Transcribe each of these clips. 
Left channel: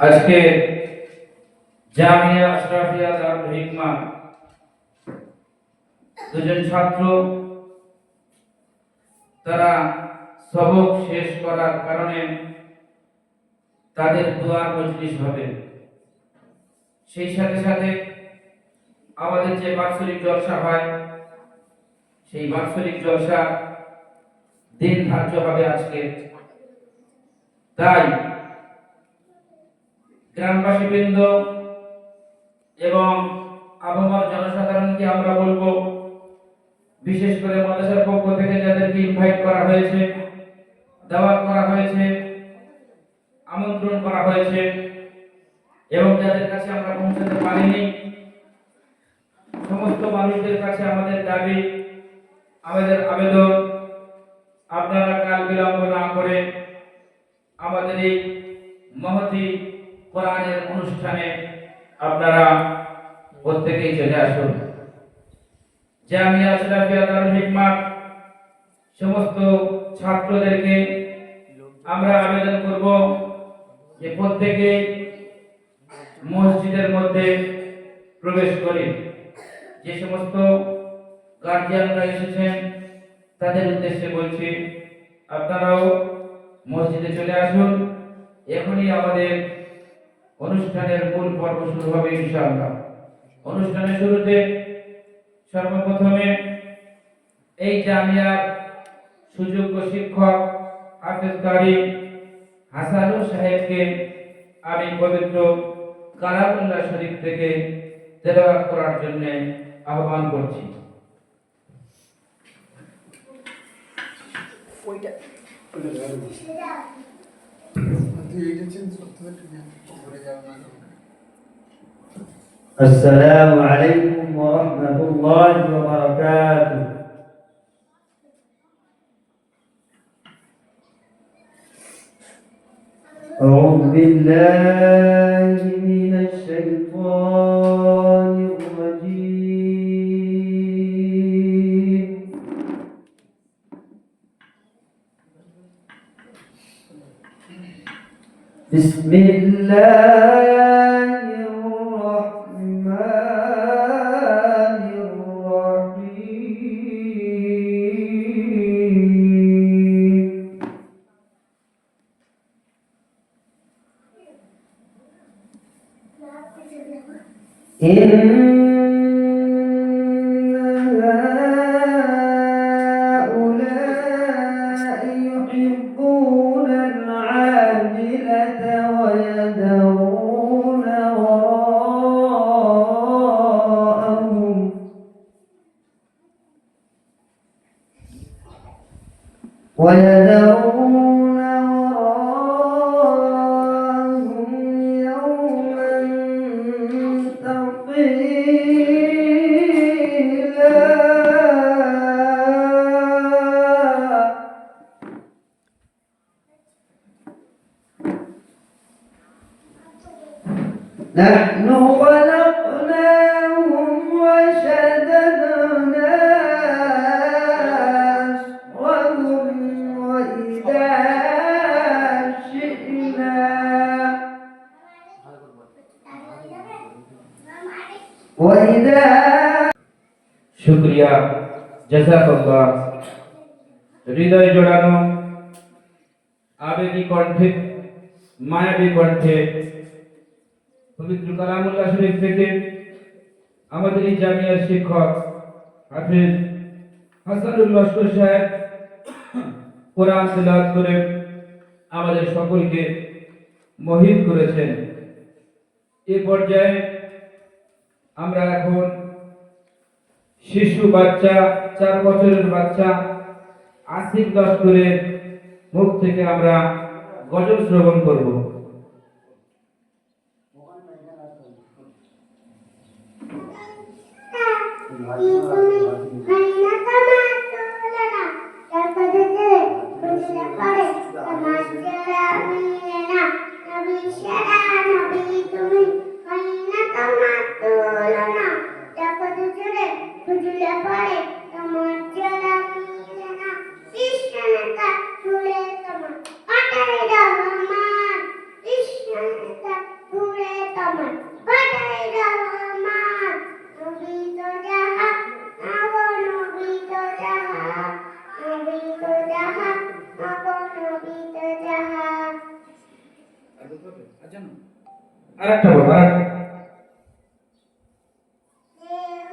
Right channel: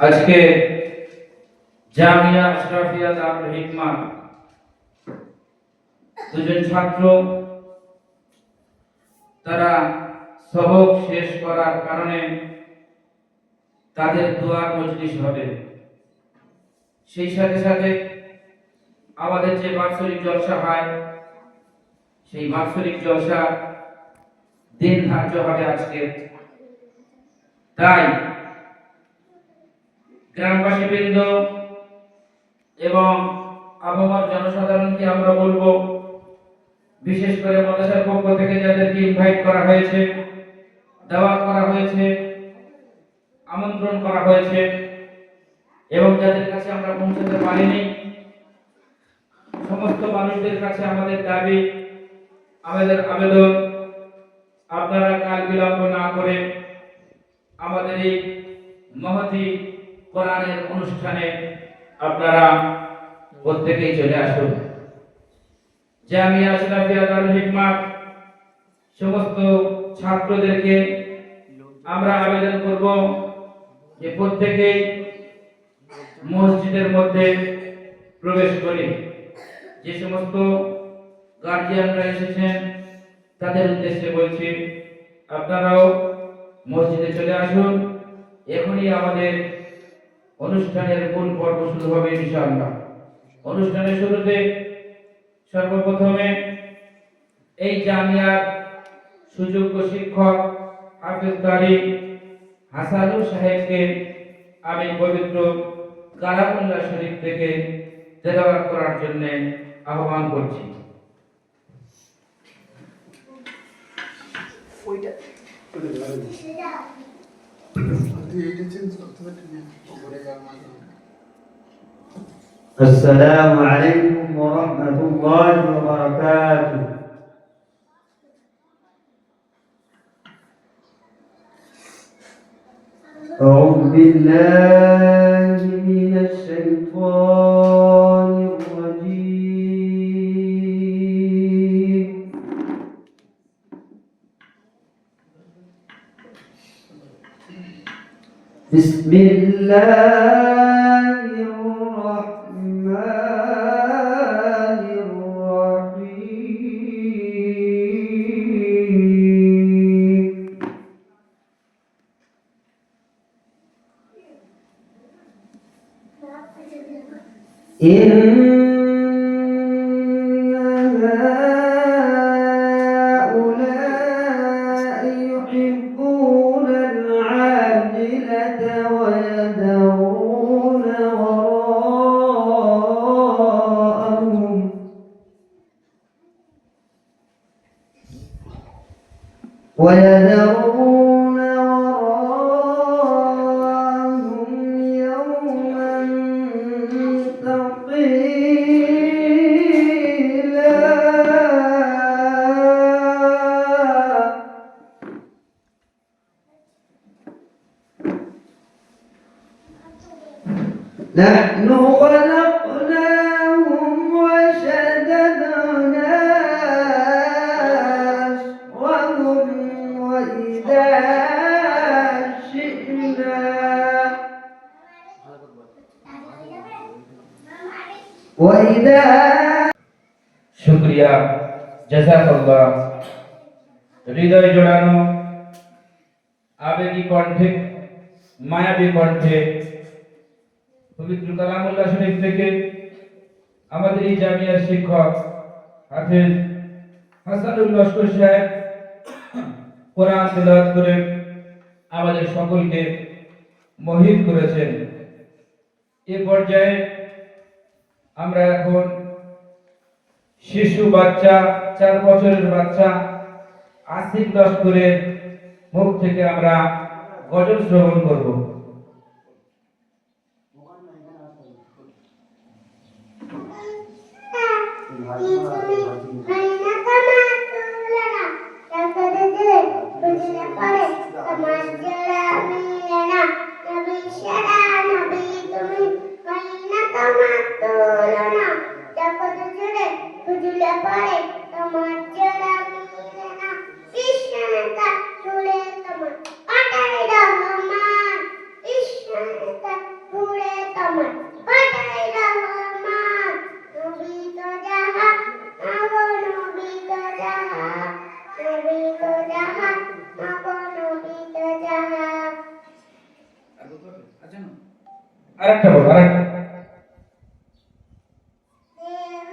আজকে জামিয়া আশরাফিয়া দারুল হিকমা দুজন ছাত্র তারা সবক শেষ করার কারণে তাদের দোয়ার মজলিস হবে। সেই সাথে সাথে আমাদের যে বাৎসরিক জলসা হয় সেই বাৎসরিক জলসা দিন ধার্য হবে আজকে। তাই গ্রামবাসীবৃন্দ এবং আবহাওয়ার জনসাধারণকে আমরা বলবো, বিশেষ করে মাদ্রাসার পক্ষ থেকে যাদেরকে ইনভাইট করা হয়েছে, দাওয়াত করা হয়েছে, আমন্ত্রণ করা হয়েছে এবং যাদের কাছে আমরা পৌঁছাতে পারিনি, সমস্ত মানুষদের কাছে আমাদের দাবি, আমাদের আবেদন, আপনারা কাল বিলম্ব না করে আমাদের এই মহতি কোরআনের অনুষ্ঠানে আপনারা প্রত্যেকেই চলে আসুন। জামিয়া আশরাফিয়া দারুল হিকমা সমস্ত ছাত্রদেরকে আমরা আবেদন করব যে প্রত্যেকে মসজিদের মধ্যে প্রবেশ করে যে সমস্ত গার্জিয়ানরা এসেছেন তাদের উদ্দেশ্যে বলছি, আপনারাও মসজিদে চলে আসুন। এখনই আমাদের অনুষ্ঠানের মূল পর্ব শুরু হবে ইনশাআল্লাহ। অনুষ্ঠানের শুরুতে সর্বপ্রথমে এই জামিয়ার সুযোগ্য শিক্ষক হাফেজ কারি হাসানুর সাহেবকে আমি পবিত্র কালামুল্লাহ শরীফ থেকে তেলাওয়াত করার জন্য আহ্বান করছি। السلام عليكم ورحمة الله وبركاته. أعوذ بالله من الشيطان الرجيم. بسم الله الرحمن الرحيم. إن هؤلاء يحبون العاجلة ويذرون وراءهم يوما ثقيلا. نحن خلقناهم وشددنا أسرهم وإذا شئنا শুকরিয়া, জাযাকাল্লাহ। হৃদয় জোড়ানো আবেগী কণ্ঠে, মায়াবী কণ্ঠে পবিত্র কালামুল্লাহ শরীফ থেকে আমাদের এই জামিয়ার শিক্ষক হাফেজ হাসানুল লস্কর সাহেব কোরআন তিলাওয়াত করে আমাদের সকলকে মোহিত করেছেন। এ পর্যায়ে আমরা এখন শিশু বাচ্চা, 4 বছরের বাচ্চা আসিফ লস্করের মুখ থেকে আমরা গজল শ্রবণ করব। Krishna আমার পাঠাই রহমান নবী তো যাহা আগো নবী তো যাহা নবী তো যাহা আগো নবী তো যাহা আরেকটা বলো আরেকটা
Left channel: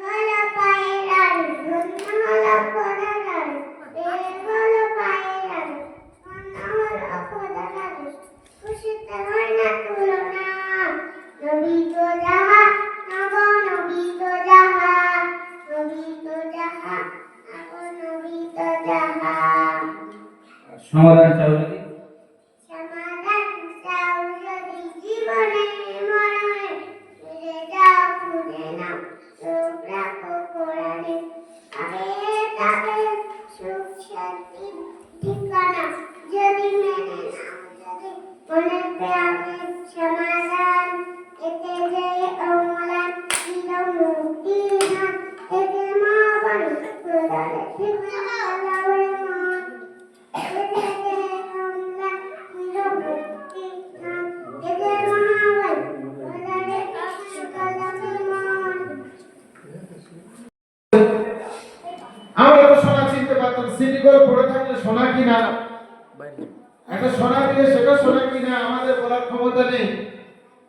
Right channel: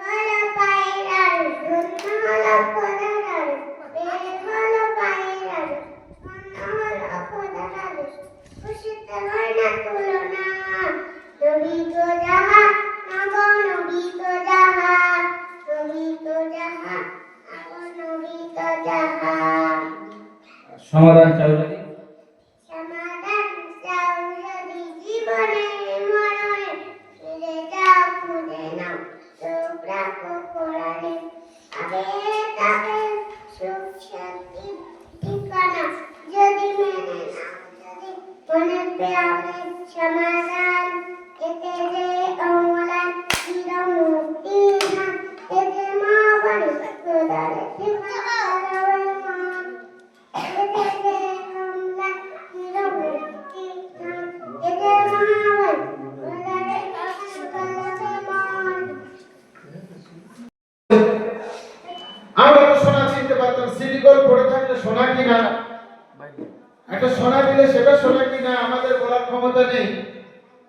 হলো পায়রার ধন্য হলো খোদার হলো পায়রার ধন্য হলো খোদার খুশিতে হয় না তুলনা নবী তো যাহা আগো নবী তো যাহা নবী তো যাহা আগো নবী তো যাহা সমাধান চাও যদি সমাধান চাও যদি জীবনে মরণে ফিরে যাও খুঁজে নাও চোখ রাখো কোরআনে আগে তাকে সুখ শান্তি ঠিকানা যদি মেনে নাও যদি মনে প্রাণে সমাধান এতে যে অমলান চির মুক্তি না এতে মা বাড়ি খোদারে ঠিকানা আল্লাহর মন এতে যে অমলান চির মুক্তি না এতে মহাবান খোদারে ঠিকানা মন আমরা তো সোনা চিনতে পারতাম সিটি গোল্ড পড়ে থাকলে সোনা কিনা একটা সোনা দিলে সেটা সোনা কিনা আমাদের বলার ক্ষমতা নেই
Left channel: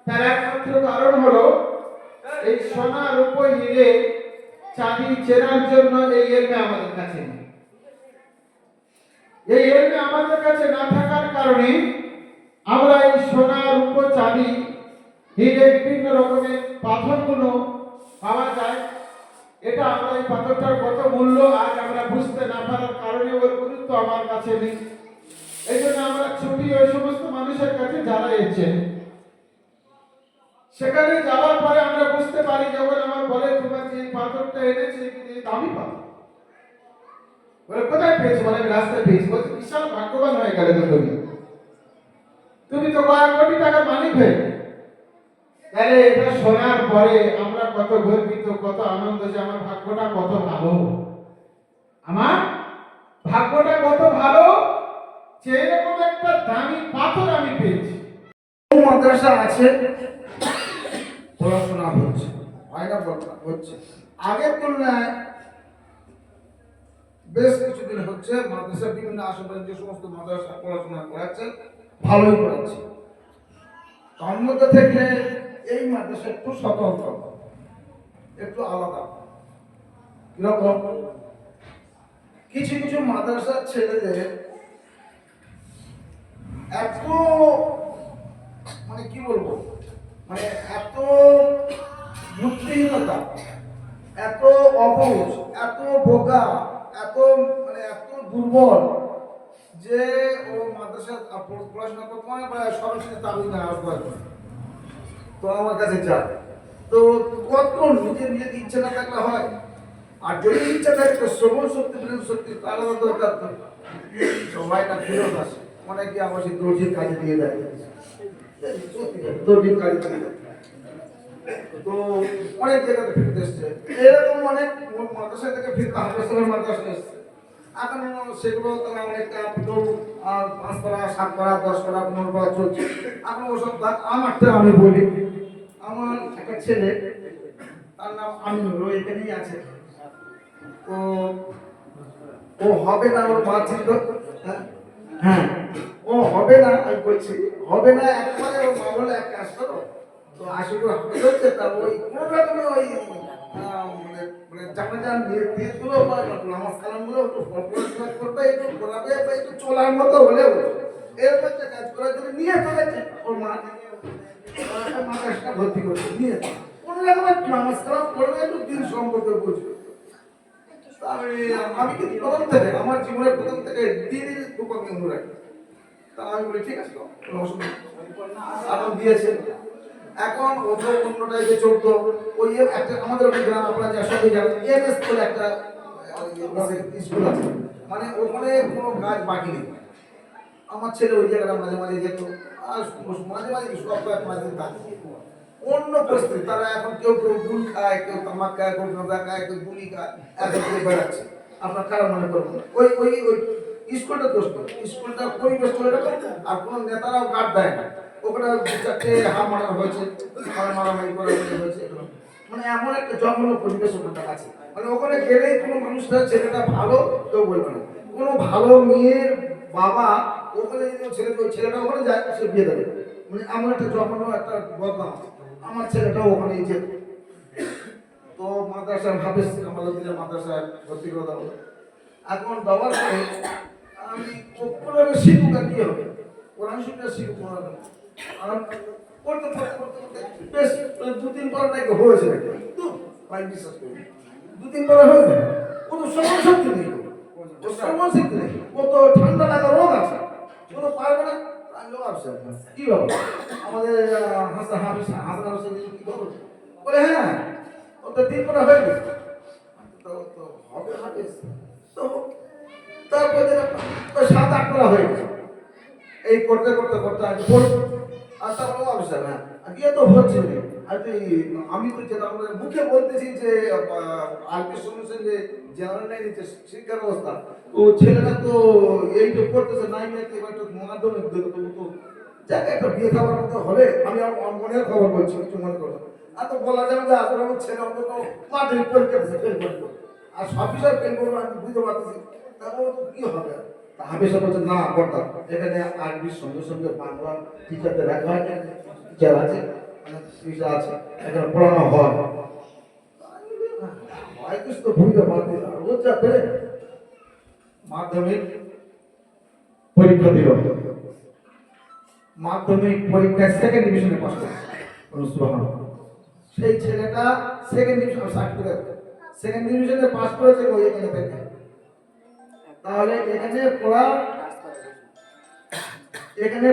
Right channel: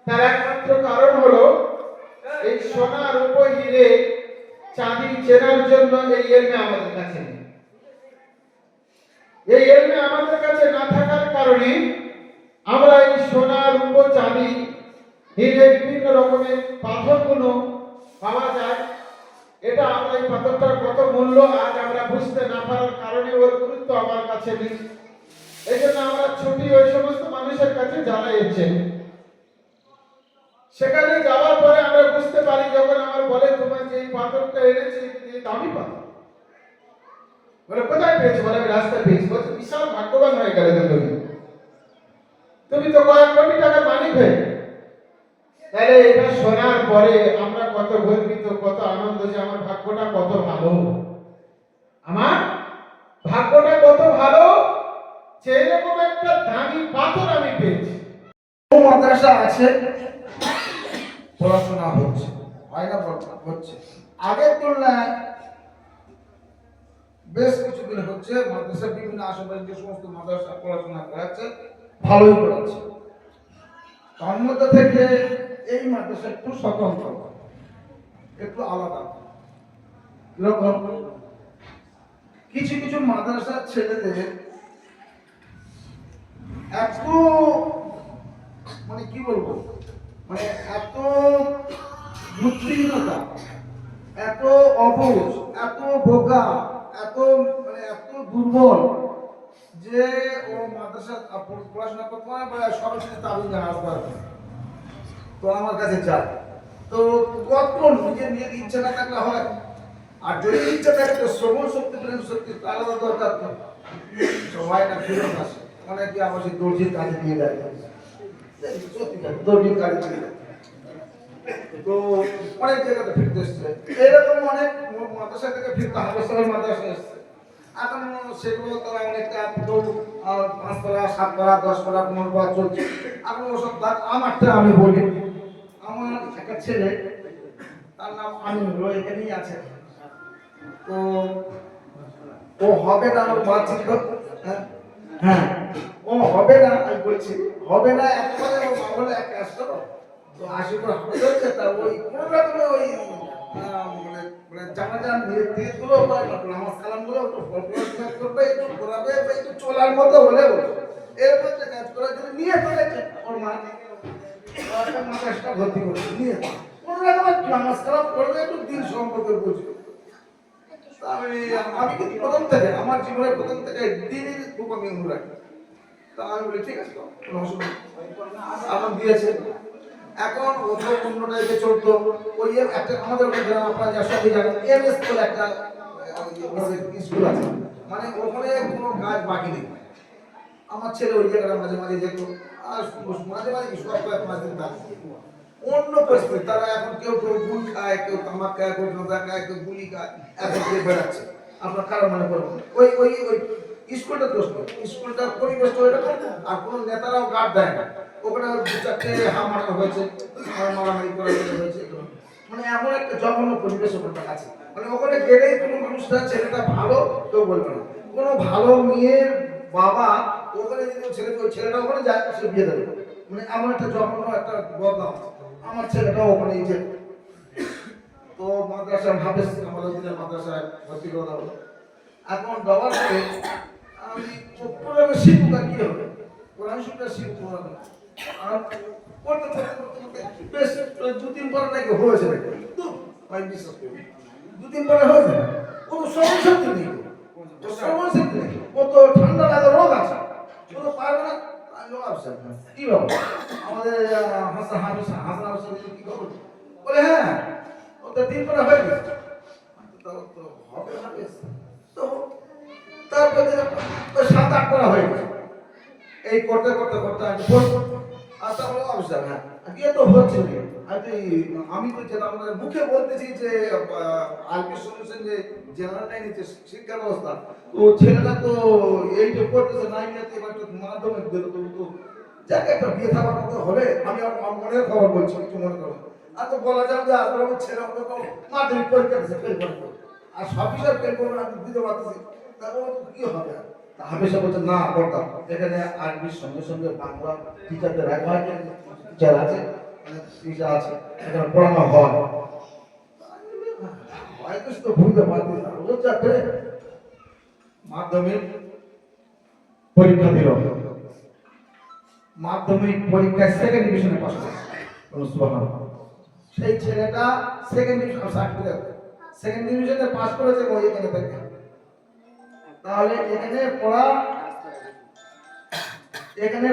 তার একমাত্র কারণ হলো এই সোনা রূপো হিরে চাঁদি চেনার জন্য এই এলমে আমাদের কাছে নেই এই এলমে আমাদের কাছে না থাকার কারণে আমরা এই সোনা রূপো চাঁদি হিরে বিভিন্ন রকমের পাথরগুলো পাওয়া যায় এটা আমরা এই পাথরটার কত মূল্য আজ আমরা বুঝতে না পারার কারণে ওর গুরুত্ব আমার কাছে নেই এই জন্য আমরা ছুটি ওই সমস্ত মানুষের কাছে যারা এসেছেন সেখানে যাওয়ার পরে আমরা বুঝতে পারি যখন আমার বলে তোমার যে এই পাথরটা এনেছে এই দামি পাথর বলে কোথায় পেয়েছো বলে আমি রাস্তায় পেয়েছি বলছে বিশাল ভাগ্যবান হয়ে গেলে তো তুমি তো কয়েক কোটি টাকার মালিক হয়ে তাহলে এটা শোনার পরে আমরা কত গর্বিত কত আনন্দ যে আমার ভাগ্যটা কত ভালো আমার ভাগ্যটা কত ভালো যে এরকম একটা দামি পাথর আমি পেয়েছি মাদ্রাসা আছে পড়াশোনা হচ্ছে হয় না পড়াশোনা হচ্ছে আগের তুলনায় বেশ কিছুদিন হচ্ছে মাদ্রাসা বিভিন্ন আশেপাশে যে সমস্ত মাদ্রাসা পড়াশোনা করাচ্ছে ভালোই করাচ্ছে তার মধ্যে থেকে এই মাদ্রাসা একটু স্বতন্ত্র একটু আলাদা কিরকম কিছু কিছু মাদ্রাসার ছেলেদের এত মানে কি বলবো মানে এত বুদ্ধিহীনতা এত অবুঝ এত বোকা এত মানে এত দুর্বল যে ও মাদ্রাসা পড়াশোনা করতে পারে বা সরাসরি তালিমে আসবার তো আমার কাছে যায় তো কত নিজের ইচ্ছা না থাকলে হয় আর যদি ইচ্ছা থাকে তো শ্রবণ শক্তি প্রেম শক্তি আলাদা দরকার তো সবাই না ফেরত আসে অনেকে আবার সেই দর্জির কাজে দিয়ে দেয় দর্জির কাজে দিয়ে দেয় তো অনেক জায়গাতে ফিরতে এসছে এরকম অনেক মাদ্রাসা থেকে ফিরতে হাসপাতালের মাদ্রাসা এসছে এখন সেগুলো তারা অনেকটা 5 পারা 7 পারা 10 পারা 15 পারা চলছে এখন ওসব আমারটা আমি বলি আমার একটা ছেলে তার নাম আমিনুল এখানেই আছে তো ও হবে না ওর মা ছিল হ্যাঁ ও হবে না আমি বলছি হবে না একবারে ও মা বলে এক কাজ করো তো আশিপুর হবে হচ্ছে তা ওই কোনো রকমে ওই মানে মানে জানাজা দিয়ে দিল বা নামাজ কালাম গুলো একটু ফলপ্রসূ করবে একটু ঘোরাবে বা একটু চলার মতো হলে এরকম একটা কাজ করার জন্য নিয়ে চলেছে ওর মা মাদ্রাসা ভর্তি করছে নিয়ে কোনো রকমের নামাজ কালাম করবে একটু দিন সম্পর্কে বুঝবে আমি কিন্তু প্রথম থেকে আমার জীবনের প্রথম থেকে দিনের খুব আমি মনে রাখি তা আমি বলি ঠিক আছে কোনো অসুবিধা এখন দিয়েছে এখন ওদের অন্য টাইপে চলতো ওই একটা আমাদের গ্রাম আপনারা যা সবাই জানেন এমএস বলে একটা স্কুল আছে মানে ওখানে কোনো কাজ বাকি নেই আমার ছেলে ওই জায়গাটা মাঝে মাঝে যেত আর মাঝে মাঝে সপ্তাহে 5 দিন থাকে অন্য পরিস্থিতি তারা এখন কেউ গুল খায় কেউ তামাক খায় কেউ গাঁজা খায় কেউ গুলি খায় এখন দিয়ে বেড়াচ্ছে আপনার কারো মনে করবেন ওই ওই ওই স্কুলটা দোষ করে স্কুলটার পরিবেশ এরকম আর কোনো নেতারাও গার্ড দেয় না ওখানে 2-4টে হাম মারা হয়েছে মারামারি করা হয়েছে এগুলো। মানে এমন একটা জঘন্য পরিবেশ ওখানটা আছে, মানে ওখানে গেলেই কোনো মানুষটা ছেলেটা ভালো কেউ বলবে না, কোনো ভালো মেয়ের বাবা ওখানে যদি ছেলেটা ওখানে যায় সে বিয়ে দেবে, মানে এমন একটা জঘন্য একটা বদনাম। আমার ছেলেটাও ওখানেই যেত। তো মাদ্রাসার হাফেজ আমাদের দিনের মাদ্রাসায় ভর্তি করে দেওয়া হলো। এখন দেওয়ার পরে আমি কোরআন শিখুক আর কি হবে, কোরআন শিখটা শিখুক কোরআন। আর পড়তে পড়তে পড়তে পড়তে বেশ 2-3 পারা নাকি হয়েছে নাকি, তো ভাই বিশ্বাস করি 2-3 পারা হয়েছে, কোনো সমস্যা নেই, ও সমস্যা নেই, ও তো ঠান্ডা লাগা রোগ আছে, ও তো পারবে না। আমি লোক আসছে কি বাবু আমাদের হাসান হাসান কি খবর, বলে হ্যাঁ ও তো 3 পারা হয়ে গেছে। তো হবে হবে তো তারপরে 7-8 পারা হয়ে গেছে। এই করতে করতে করতে আমি আর তারপরে অবসর হ্যাঁ দিয়ে তো হচ্ছে আমি তো যেটা আমরা মুখে বলতেছি যে আইপি সলিউশন যে জেনারেল লাইনে যে শিক্ষা ব্যবস্থা, তো ছেলেরা তো এই যে করতেছে 9 এবার তো মাধ্যমিক দিল, তো যাকে একটা বিয়ে থাকার মতো হলে আমি আমার মনের খবর বলছি, কিছু মনে করো আর তো বলা যাবে যে আসলে আমার ছেলে অন্তত মাধ্যমিক পরীক্ষা দিচ্ছে ফেল করবো, আর সব বিষয়ে ফেল করবো আমি বুঝতে পারতেছি, তারপর কি হবে। হাফেজ বলছে না করতাম, এখানে আরবির সঙ্গে সঙ্গে বাংলা টিচারদের টিচার আছে, মানে টিচার আছে, এখানে পড়ানো হয়। হয়তো তো ভুলতে পারছি না, ও যাবে মাধ্যমিক পরীক্ষা দিল, মাধ্যমিক পরীক্ষায় 2nd ডিভিশনে পাস করেছে। সেই ছেলেটা 2nd ডিভিশন সার্টিফিকেট 2nd ডিভিশনে পাস করেছে ওই এখানে থেকে। তাহলে এখানে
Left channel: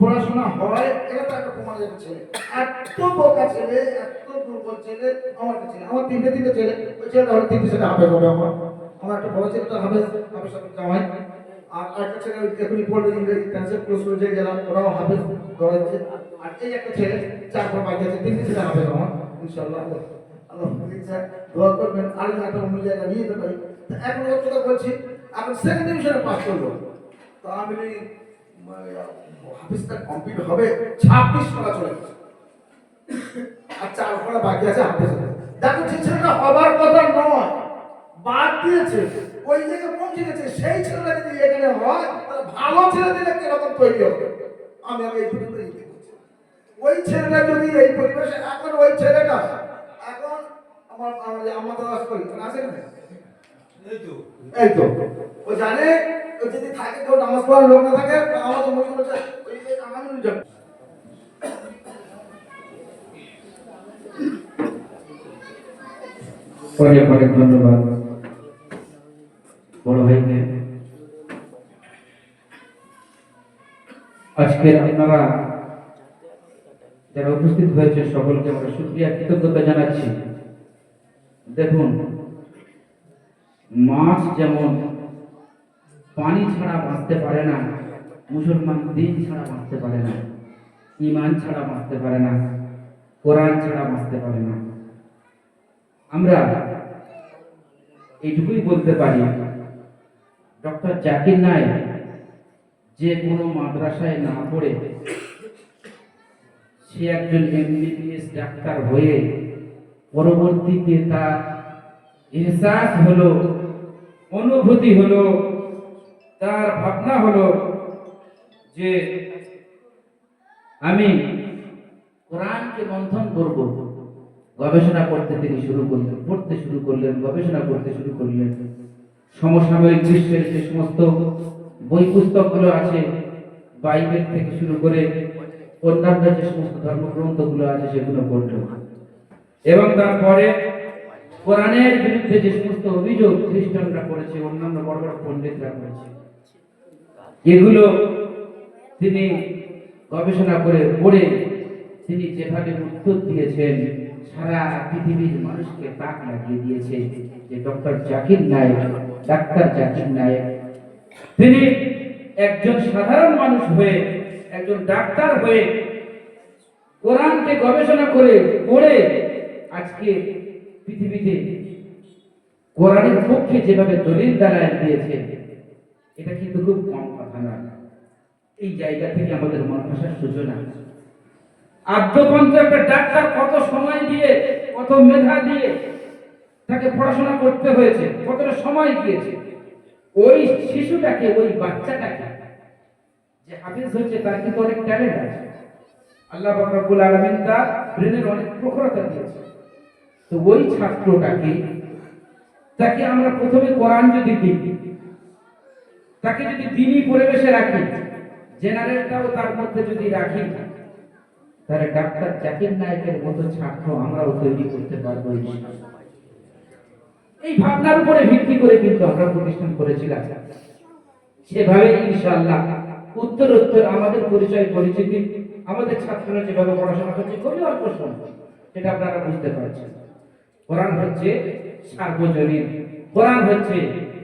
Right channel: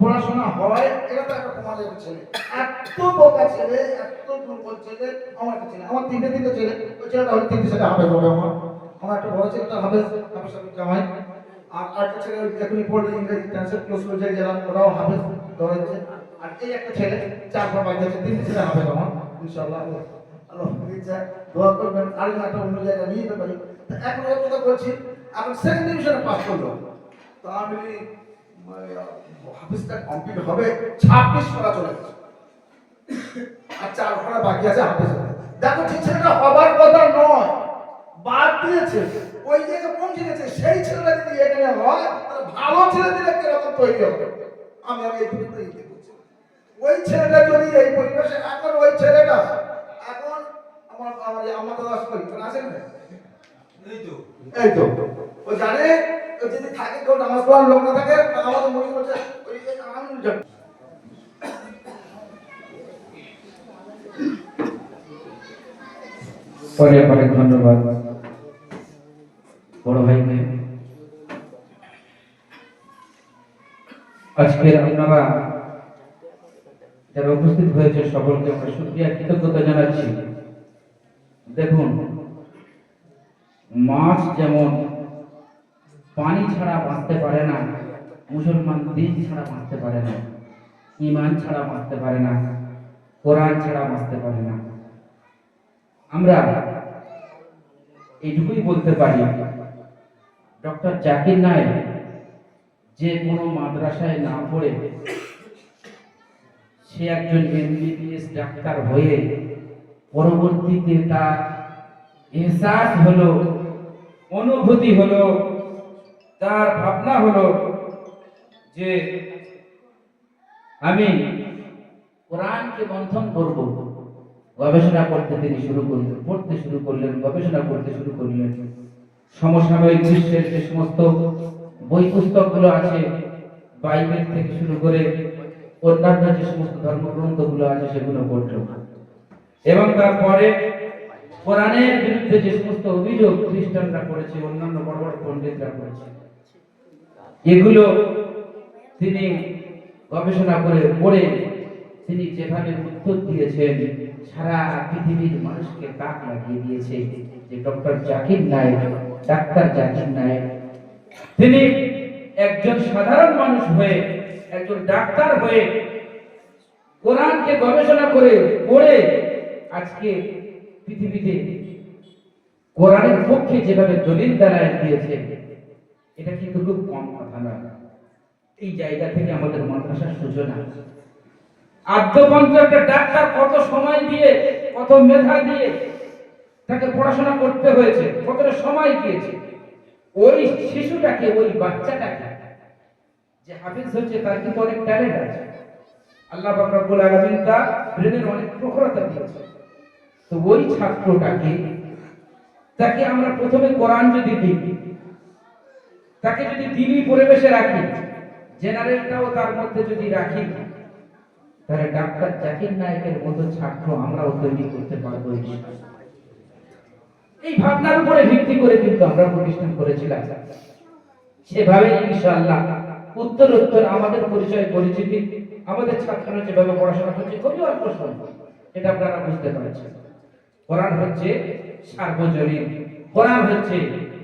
পড়াশোনা হয়, এটা তো একটা তোমার ছেলে, এত বোকা ছেলে, এত দুর্বল ছেলে। আমার ছেলে, আমার 3টে ছেলে, ওই ছেলেটা হলে 3টে ছেলে হাফেজ হবে। আমার একটা বড় ছেলেটা হাফেজ সাথে জামাই, আর একটা ছেলে এখনই পড়লো ইংরেজি ট্রান্সলেট ক্লোজ করে যায় যারা, ওরাও হাফেজ হয়েছে। আর এই একটা ছেলে 4 বার বাকি আছে, 3টে ছেলে হাফেজ আমার ইনশাআল্লাহ। আল্লাহ দোয়া করবেন আর একটা অন্য জায়গায় নিয়ে যেতে পারি। এখন ওর কথা বলছি, আমি 2nd ডিভিশনে পাস করলো, তো আমি হাফেজটা কমপ্লিট হবে 26 পারা চলে গেছে, আর 4 পারা বাকি আছে হাফেজ। দেখো যে ছেলেটা হবার কথা নয় বাদ দিয়েছে, ওই জায়গায় পৌঁছে গেছে, সেই ছেলেটা যদি এখানে হয় তাহলে ভালো ছেলেদের কিরকম তৈরি হবে। আমি এই পর্যন্ত ওই ছেলেটা যদি এই পরিবেশে, এখন ওই ছেলেটা এখন আমাদের আছে না, এই তো ও জানে যদি থাকে কেউ নামাজ পড়ার লোক না থাকে, আমাদের মনে করছে ওই যে আনন্দ যাবে। অনেক অনেক ধন্যবাদ বড় ভাইকে। আজকে আপনারা যারা উপস্থিত হয়েছে সকলকে আমরা শুকরিয়া কৃতজ্ঞতা জানাচ্ছি। দেখুন, মাছ যেমন পানি ছাড়া বাঁচতে পারে না, মুসলমান দিন ছাড়া বাঁচতে পারে না, ঈমান ছাড়া বাঁচতে পারে না, কোরআন ছাড়া বাঁচতে পারে না। আমরা এইটুকুই বলতে পারি, ডক্টর জাকির নায়েক যে কোনো মাদ্রাসায় না পড়ে সে একজন এমবিবিএস ডাক্তার হয়ে পরবর্তীতে তার এহসাস হলো, অনুভূতি হলো, তার ভাবনা হলো যে আমি কোরআনকে মন্থন করব। গবেষণা করতে তিনি শুরু করলেন, পড়তে শুরু করলেন, গবেষণা করতে শুরু করলেন। সমসাময়িক বিশ্বের যে সমস্ত বই পুস্তকগুলো আছে, বাইবেল থেকে শুরু করে অন্যান্য যে সমস্ত ধর্মগ্রন্থগুলো আছে সেগুলো পড়ল, এবং তারপরে কোরআনের বিরুদ্ধে যে সমস্ত অভিযোগ খ্রিস্টানরা করেছে, অন্যান্য বড় বড় পণ্ডিতরা করেছে, এগুলো তিনি গবেষণা করে পড়ে তিনি যেভাবে উত্তর দিয়েছেন, সারা পৃথিবীর মানুষকে তাক লাগিয়ে দিয়েছে যে ডক্টর জাকির নায়েক, ডাক্তার জাকির নায়েক তিনি একজন সাধারণ মানুষ হয়ে, একজন ডাক্তার হয়ে কোরআনকে গবেষণা করে পড়ে আজকে পৃথিবীতে কোরআনের পক্ষে যেভাবে দলিল দাঁড়ায় দিয়েছে, এটা কিন্তু খুব কম কথা নয়। এই জায়গা থেকে আমাদের মাদ্রাসার সূচনা। আদ্যপন্ত একটা ডাক্তার কত সময় দিয়ে, কত মেধা দিয়ে তাকে পড়াশোনা করতে হয়েছে, কতটা সময় দিয়েছে। ওই শিশুটাকে, ওই বাচ্চাটাকে যে হাফেজ হচ্ছে, তার কিন্তু অনেক ট্যালেন্ট আছে। আল্লাহ পাক রব্বুল আলামিন তার ব্রেনের অনেক প্রখরতা দিয়েছে। তো ওই ছাত্রটাকে, তাকে আমরা প্রথমে কোরআন যদি দিই, তাকে যদি দ্বীনি পরিবেশে রাখি, জেনারেলটাও তার মধ্যে যদি রাখি, তাহলে ডাক্তার জাকির নায়েকের মতো ছাত্র আমরাও তৈরি করতে পারবো। এই ভাবনার উপরে ভিত্তি করে কিন্তু আমরা প্রতিষ্ঠান করেছিলাম। সেভাবে ইনশাআল্লাহ উত্তর আমাদের পরিচয় পরিচিতি, আমাদের ছাত্ররা যেভাবে পড়াশোনা করছে খুবই অল্প সময়, এটা আপনারা বুঝতে পারছেন। কোরআন হচ্ছে সার্বজনীন, কোরআন হচ্ছে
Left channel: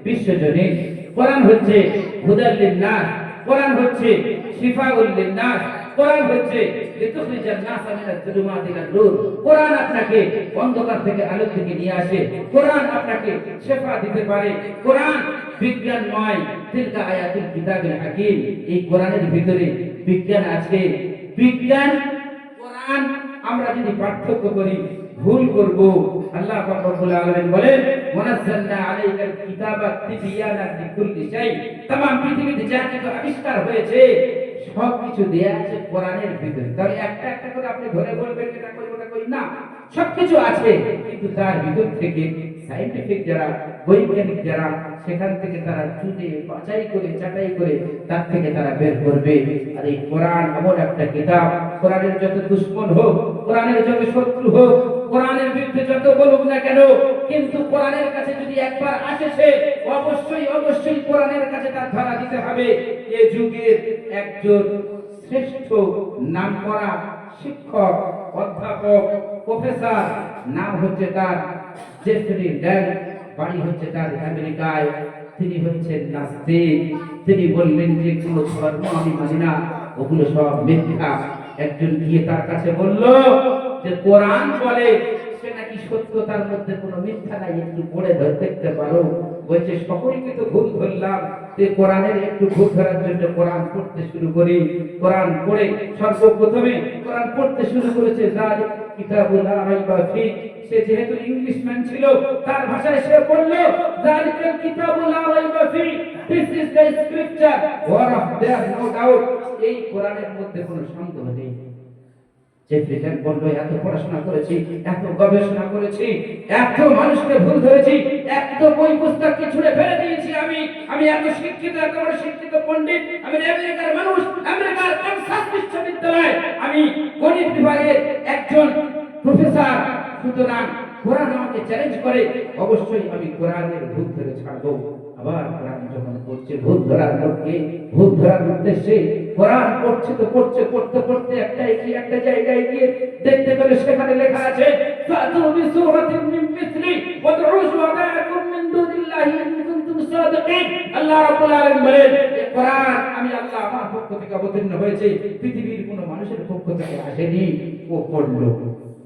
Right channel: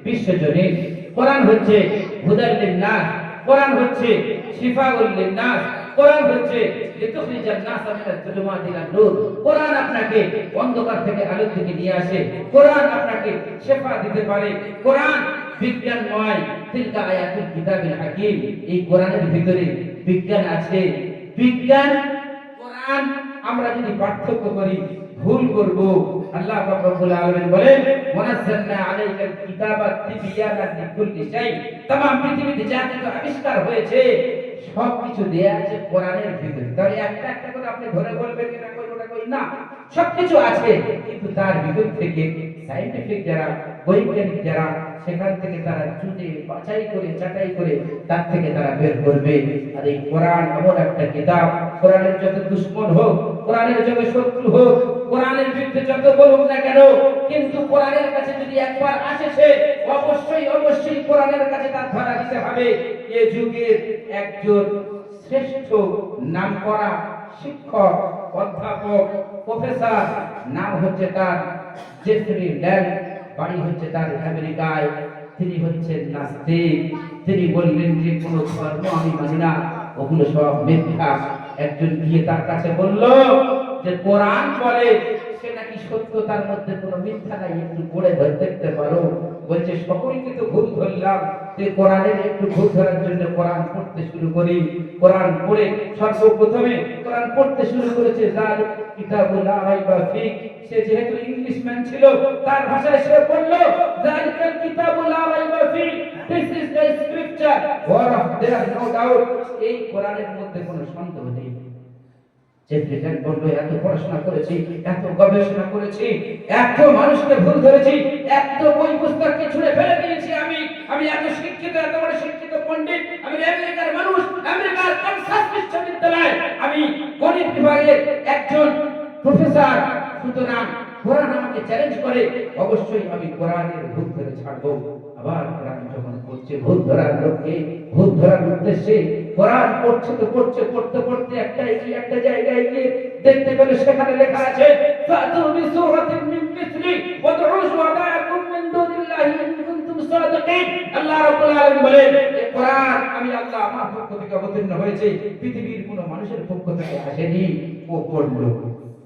বিশ্বজনীন, কোরআন হচ্ছে হুদাল লিন্নাস, কোরআন হচ্ছে শিফাউল লিন্নাস, কোরআন হচ্ছে লিতুখরিজান নাস মিনাজ যুলুমাতি ইলান নূর। কোরআন আপনাকে অন্ধকার থেকে আলোর দিকে নিয়ে আসে, কোরআন আপনাকে শিফা দিতে পারে। কোরআন বিজ্ঞানময়, তিলকা আয়াতুল কিতাবিল হাকিম। এই কোরআনের ভিতরে বিজ্ঞান আছে। বিজ্ঞান কোরআন আমরা যদি পার্থক্য করি ভুল করব। আল্লাহ পাক রব্বুল আলামিন বলেন, মুনাজ্জালনা আলাইকাল কিতাবা তিবয়ানান লিকুল্লি শাই। तमाम পৃথিবীতে যা কিছু আবিষ্কার হয়েছে সবকিছু দেয়া আছে কোরআনের ভিতরে। তাহলে একটা একটা করে আপনি ধরে বলবেন এটা কই ওটা কই না, সবকিছু আছে, কিন্তু তার ভিতর থেকে সায়েন্টিফিক যারা, বৈজ্ঞানিক যারা, সেখান থেকে তারা চুনে বাছাই করে চাটাই করে তার থেকে তারা বের করবে। আর এই কোরআন এমন একটা কিতাব, কোরআনের যত দুশমন হোক, কোরআনের যত শত্রু হোক, কোরআনের বিরুদ্ধে যত বলুক না কেন, কিন্তু কোরআনের কাছে যদি একবার আসেছে অবশ্যই কোরআনের কাছে তার ধরা দিতে হবে। এই যুগের একজন শ্রেষ্ঠ নামকরা শিক্ষক, অধ্যাপক, প্রফেসর, নাম হচ্ছে তার জেফরি ল্যান্ড, বাড়ি হচ্ছে তার আমেরিকায়। তিনি হচ্ছেন নাস্তিক। তিনি বললেন যে কোন ধর্ম আমি মানি না, ওগুলো সব মিথ্যা। একজন গিয়ে তার কাছে বলল যে কোরআন বলে সে নাকি সত্য, তার মধ্যে কোনো মিথ্যা নাই, একটু পড়ে ধরে দেখতে পারো। বলছে সকলকে তো ভুল ধরলাম, তে কোরআনের একটু ভুল ধরার জন্য কোরআন পড়তে শুরু করি। কোরআন পড়ে সর্বপ্রথমে কোরআন পড়তে শুরু করেছে যালিক কিতাবুল লা রাইবা ফি। সে যেহেতু ইংলিশম্যান ছিল, তার ভাষায় সে বলল যালিকাল কিতাবুল লা রাইবা ফি, this is the scripture where of there no doubt. এই কোরআনের মধ্যে কোনো সন্দেহ নেই। যে প্রেসিডেন্ট বলল এত পড়াশোনা করেছি, এত গবেষণা করেছি, এত মানুষকে ভুল ধরেছি, এত বই পুস্তককে ছুঁড়ে ফেলে দিয়েছি, আমি এত শিক্ষিত, এত বড় শিক্ষিত পণ্ডিত, আমি আমেরিকার মানুষ, আমেরিকার কানসাস বিশ্ববিদ্যালয়, আমি গণিত বিভাগের একজন প্রফেসর। সুতরাং কোরআন আমাকে চ্যালেঞ্জ করে, অবশ্যই আমি কোরআনের ভুল ধরে ছাড়বো। আবার কোরআন যখন পড়ছে ভুল ধরার লক্ষ্যে, ভুল ধরার উদ্দেশ্যে কোরআন পড়ছে তো পড়তে পড়তে একটা জায়গায় গিয়ে দেখতে পেলে সেখানে লেখা আছে ফাতু বিসূরাতিন মিন মিসলি ওয়াদউ শুহাদাকুম মিন দুনিল্লাহি ইন কুনতুম সাদিকিন। আল্লাহ রাব্বুল আলামিন বলেন এই কোরআন আমি আল্লাহ আমার পক্ষ থেকে অবতীর্ণ হয়েছে, পৃথিবীর কোনো মানুষের পক্ষ থেকে আসেনি। ও পড়লো,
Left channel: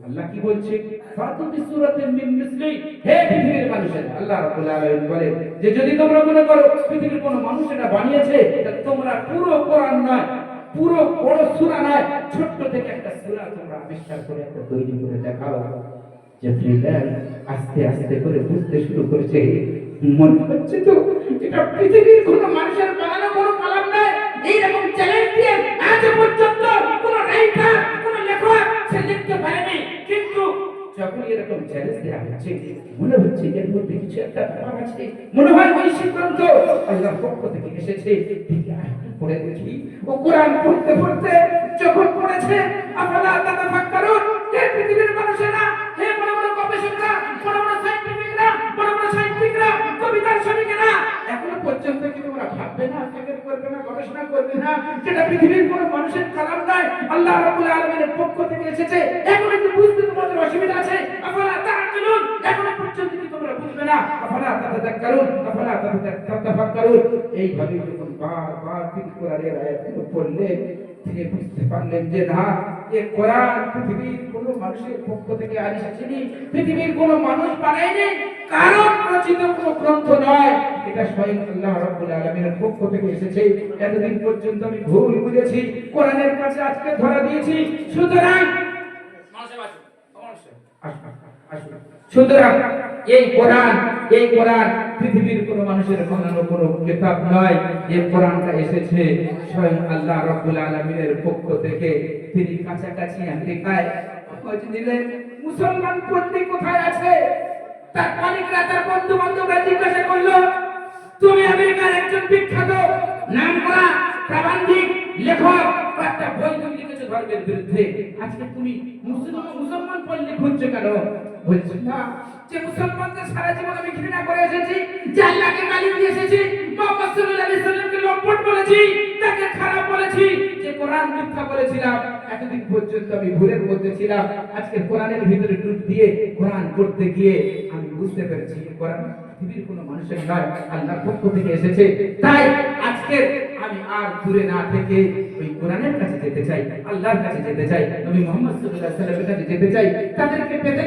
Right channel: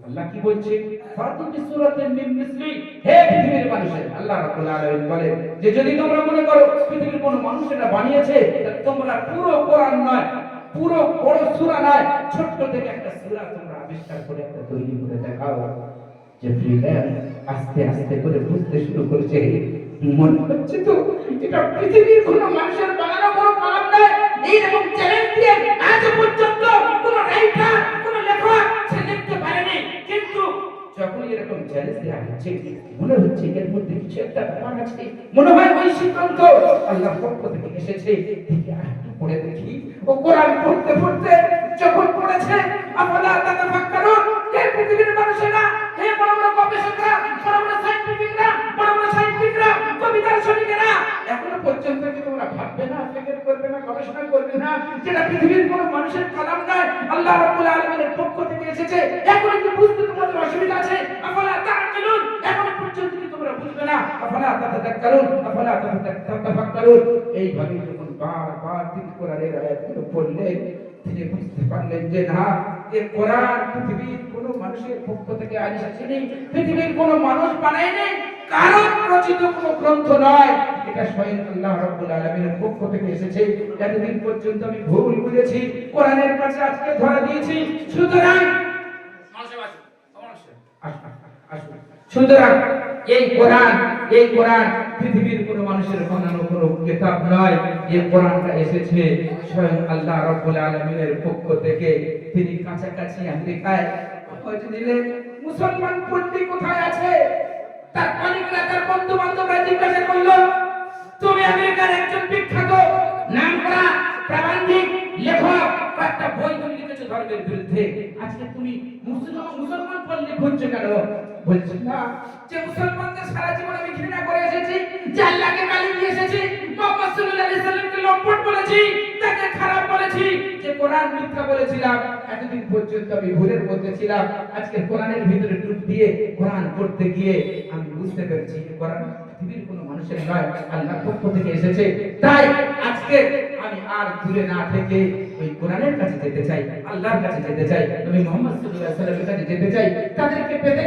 আল্লাহ কি বলছে? ফাতু বিসূরাতিন মিন মিসলি, হে পৃথিবীর মানুষেরা, আল্লাহ রাব্বুল আলামিন বলেন যে যদি তোমরা মনে করো পৃথিবীর কোনো মানুষ এটা বানিয়েছে, তোমরা পুরো কোরআন নয়, পুরো বড় সূরা নয়, ছোট্ট থেকে একটা সূরা তোমরা আবিষ্কার করে একটা তৈরি করে দেখাও। যে ফ্রিল্যান্ড আস্তে আস্তে করে বুঝতে শুরু করেছে, মনে হচ্ছে তো এটা পৃথিবীর কোনো মানুষের বানানো কোনো কালাম নয়। এইরকম চ্যালেঞ্জ দিয়ে আজ পর্যন্ত কোনো রাইটার, কোনো লেখক সে লিখতে পারেনি। কিন্তু যখন এরকম চ্যালেঞ্জ দেওয়া হচ্ছে, মনে হচ্ছে এর মধ্যে কিছু একটা ব্যাপার আছে, মনে হয় ওই সিদ্ধান্ত আল্লাহর পক্ষ থেকে এসেছে। দেখি আরেকটু পড়ে দেখি। ও কোরআন পড়তে পড়তে যখন পড়েছে আফালা তাতাফাক্কারুন, হে পৃথিবীর মানুষেরা, হে বড় বড় গবেষকরা, বড় বড় সায়েন্টিফিকরা, কবিতার শরীকেরা, এখনো পর্যন্ত কি তোমরা ভাববে না, ফিকির করবে না, গবেষণা করবে না যেটা পৃথিবীর কোনো মানুষের কালাম নয়, আল্লাহ রাব্বুল আলামিনের পক্ষ থেকে এসেছে? এখন কি বুঝতে তোমাদের অসুবিধা আছে? আফালা তাআকিলুন, এখনো পর্যন্ত কি তোমরা বুঝবে না? আফালা তাতাযাক্কারুন, আফালা তাতাফাক্কারুন। এইভাবে যখন বারবার তিনি কোরআনের আয়াতগুলো পড়লেন, তিনি বুঝতে পারলেন যে না, এই কোরআন পৃথিবীর কোনো মানুষের পক্ষ থেকে আসেনি, পৃথিবীর কোনো মানুষ বানায়নি। কারো রচিত কোনো গ্রন্থ নয়, এটা স্বয়ং আল্লাহ রাব্বুল আলামিনের পক্ষ থেকে এসেছে। এতদিন পর্যন্ত আমি ভুল বুঝেছি, কোরআনের কাছে আজকে ধরা দিয়েছি। সুতরাং সুতরাং এই কোরআন পৃথিবীর কোনো মানুষের বানানো কোনো কিতাব নয়। এই কোরআনটা এসেছে স্বয়ং আল্লাহ রাব্বুল আলামিনের পক্ষ থেকে। তিনি কাছাকাছি আমেরিকায় খোঁজ নিলেন মুসলমান পন্থী কোথায় আছে। তার কলিগরা, তার বন্ধু বান্ধবরা জিজ্ঞাসা করলো, তুমি আমেরিকার একজন বিখ্যাত নামকরা প্রাবন্ধিক লেখক, একটা বই তুমি লিখেছো ধর্মের বিরুদ্ধে, আজকে তুমি মুসলমান পল্লী খুঁজছো কেন? বলছে না, যে মুসলমানদের সারা জীবন আমি ঘৃণা করে এসেছি, যে আল্লাহকে গালি দিয়ে এসেছি, মুহাম্মদ সাল্লাল্লাহু আলাইহি সাল্লামকে লম্পট বলেছি, তাকে খারাপ বলেছি, যে কোরআন মিথ্যা বলেছিলাম, এতদিন পর্যন্ত আমি ভুলের মধ্যে ছিলাম। আজকে কোরআনের ভিতরে ডুব দিয়ে কোরআন পড়তে গিয়ে আমি বুঝতে পেরেছি কোরআন পৃথিবীর কোনো মানুষের নয়, আল্লাহর পক্ষ থেকে এসেছে। তাই আজকে আমি আর দূরে না থেকে ওই কোরআনের কাছে যেতে চাই, আল্লাহর কাছে যেতে চাই, নবী মুহাম্মদ সাল্লাল্লাহু আলাইহি ওয়াসাল্লামের কাছে যেতে চাই। তাদেরকে পেতে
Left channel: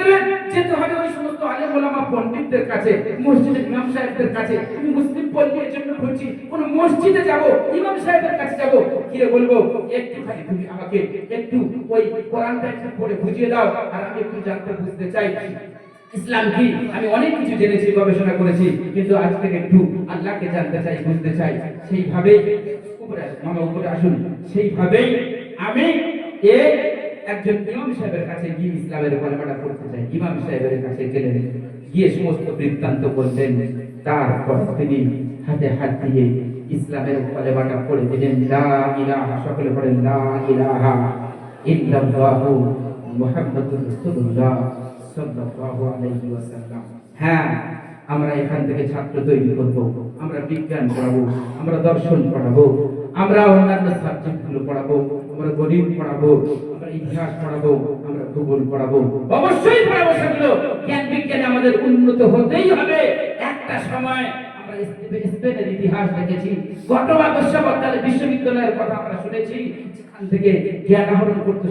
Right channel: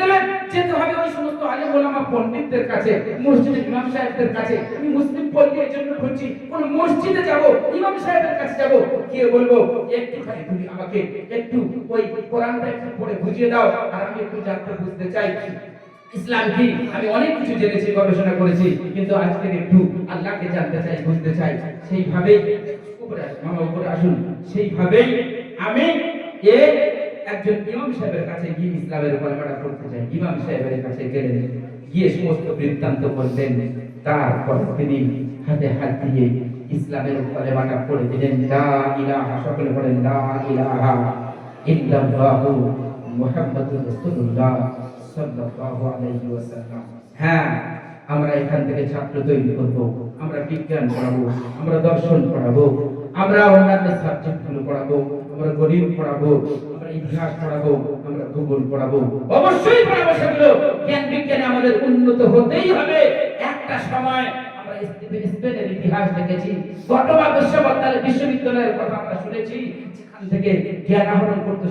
গেলে যেতে হবে ওই সমস্ত আলেম ওলামা পণ্ডিতদের কাছে, মসজিদের ইমাম সাহেবদের কাছে। আমি মুসলিম পল্লী এর জন্য খুঁজছি, কোন মসজিদে যাব, ইমাম সাহেবের কাছে যাব, গিয়ে বলবো একটুখানি তুমি আমাকে একটু ওই কোরআনটা একটু পড়ে বুঝিয়ে দাও, আর আমি একটু জানতে বুঝতে চাই ইসলাম কি। আমি অনেক কিছু জেনেছি, গবেষণা করেছি, কিন্তু আজকে একটু আল্লাহকে জানতে চাই, বুঝতে চাই। সেইভাবে উপরে আসুন, সেইভাবেই আমি একজন ইমাম সাহেবের কাছে গিয়ে ইসলামের কলেমাটা পড়তে চাই। ইমাম সাহেবের কাছে গেলেন, গিয়ে সমস্ত বৃত্তান্ত বললেন, তারপর তিনি হাতে হাত দিয়ে ইসলামের কলেমাটা পড়ে দিলেন। লা ইলাহা, সকলে পড়েন লা ইলাহা ইল্লাল্লাহু মুহাম্মাদুর রাসূলুল্লাহ সাল্লাল্লাহু আলাইহি ওয়াসাল্লাম। হ্যাঁ, আমরা এখান থেকে ছাত্র তৈরি করব, আমরা বিজ্ঞান পড়াবো, আমরা দর্শন পড়াবো, আমরা অন্যান্য সাবজেক্টগুলো পড়াবো, আমরা গণিত পড়াবো, আমরা ইতিহাস পড়াবো, আমরা ভূগোল পড়াবো, অবশ্যই পড়াবো সেগুলো। জ্ঞান বিজ্ঞানে আমাদের উন্নত হতেই হবে। একটা সময় আমরা স্পেনের ইতিহাস দেখেছি, কর্ডোবা বিশ্ববিদ্যালয়ের কথা আমরা শুনেছি, যেখান থেকে জ্ঞান আহরণ করতে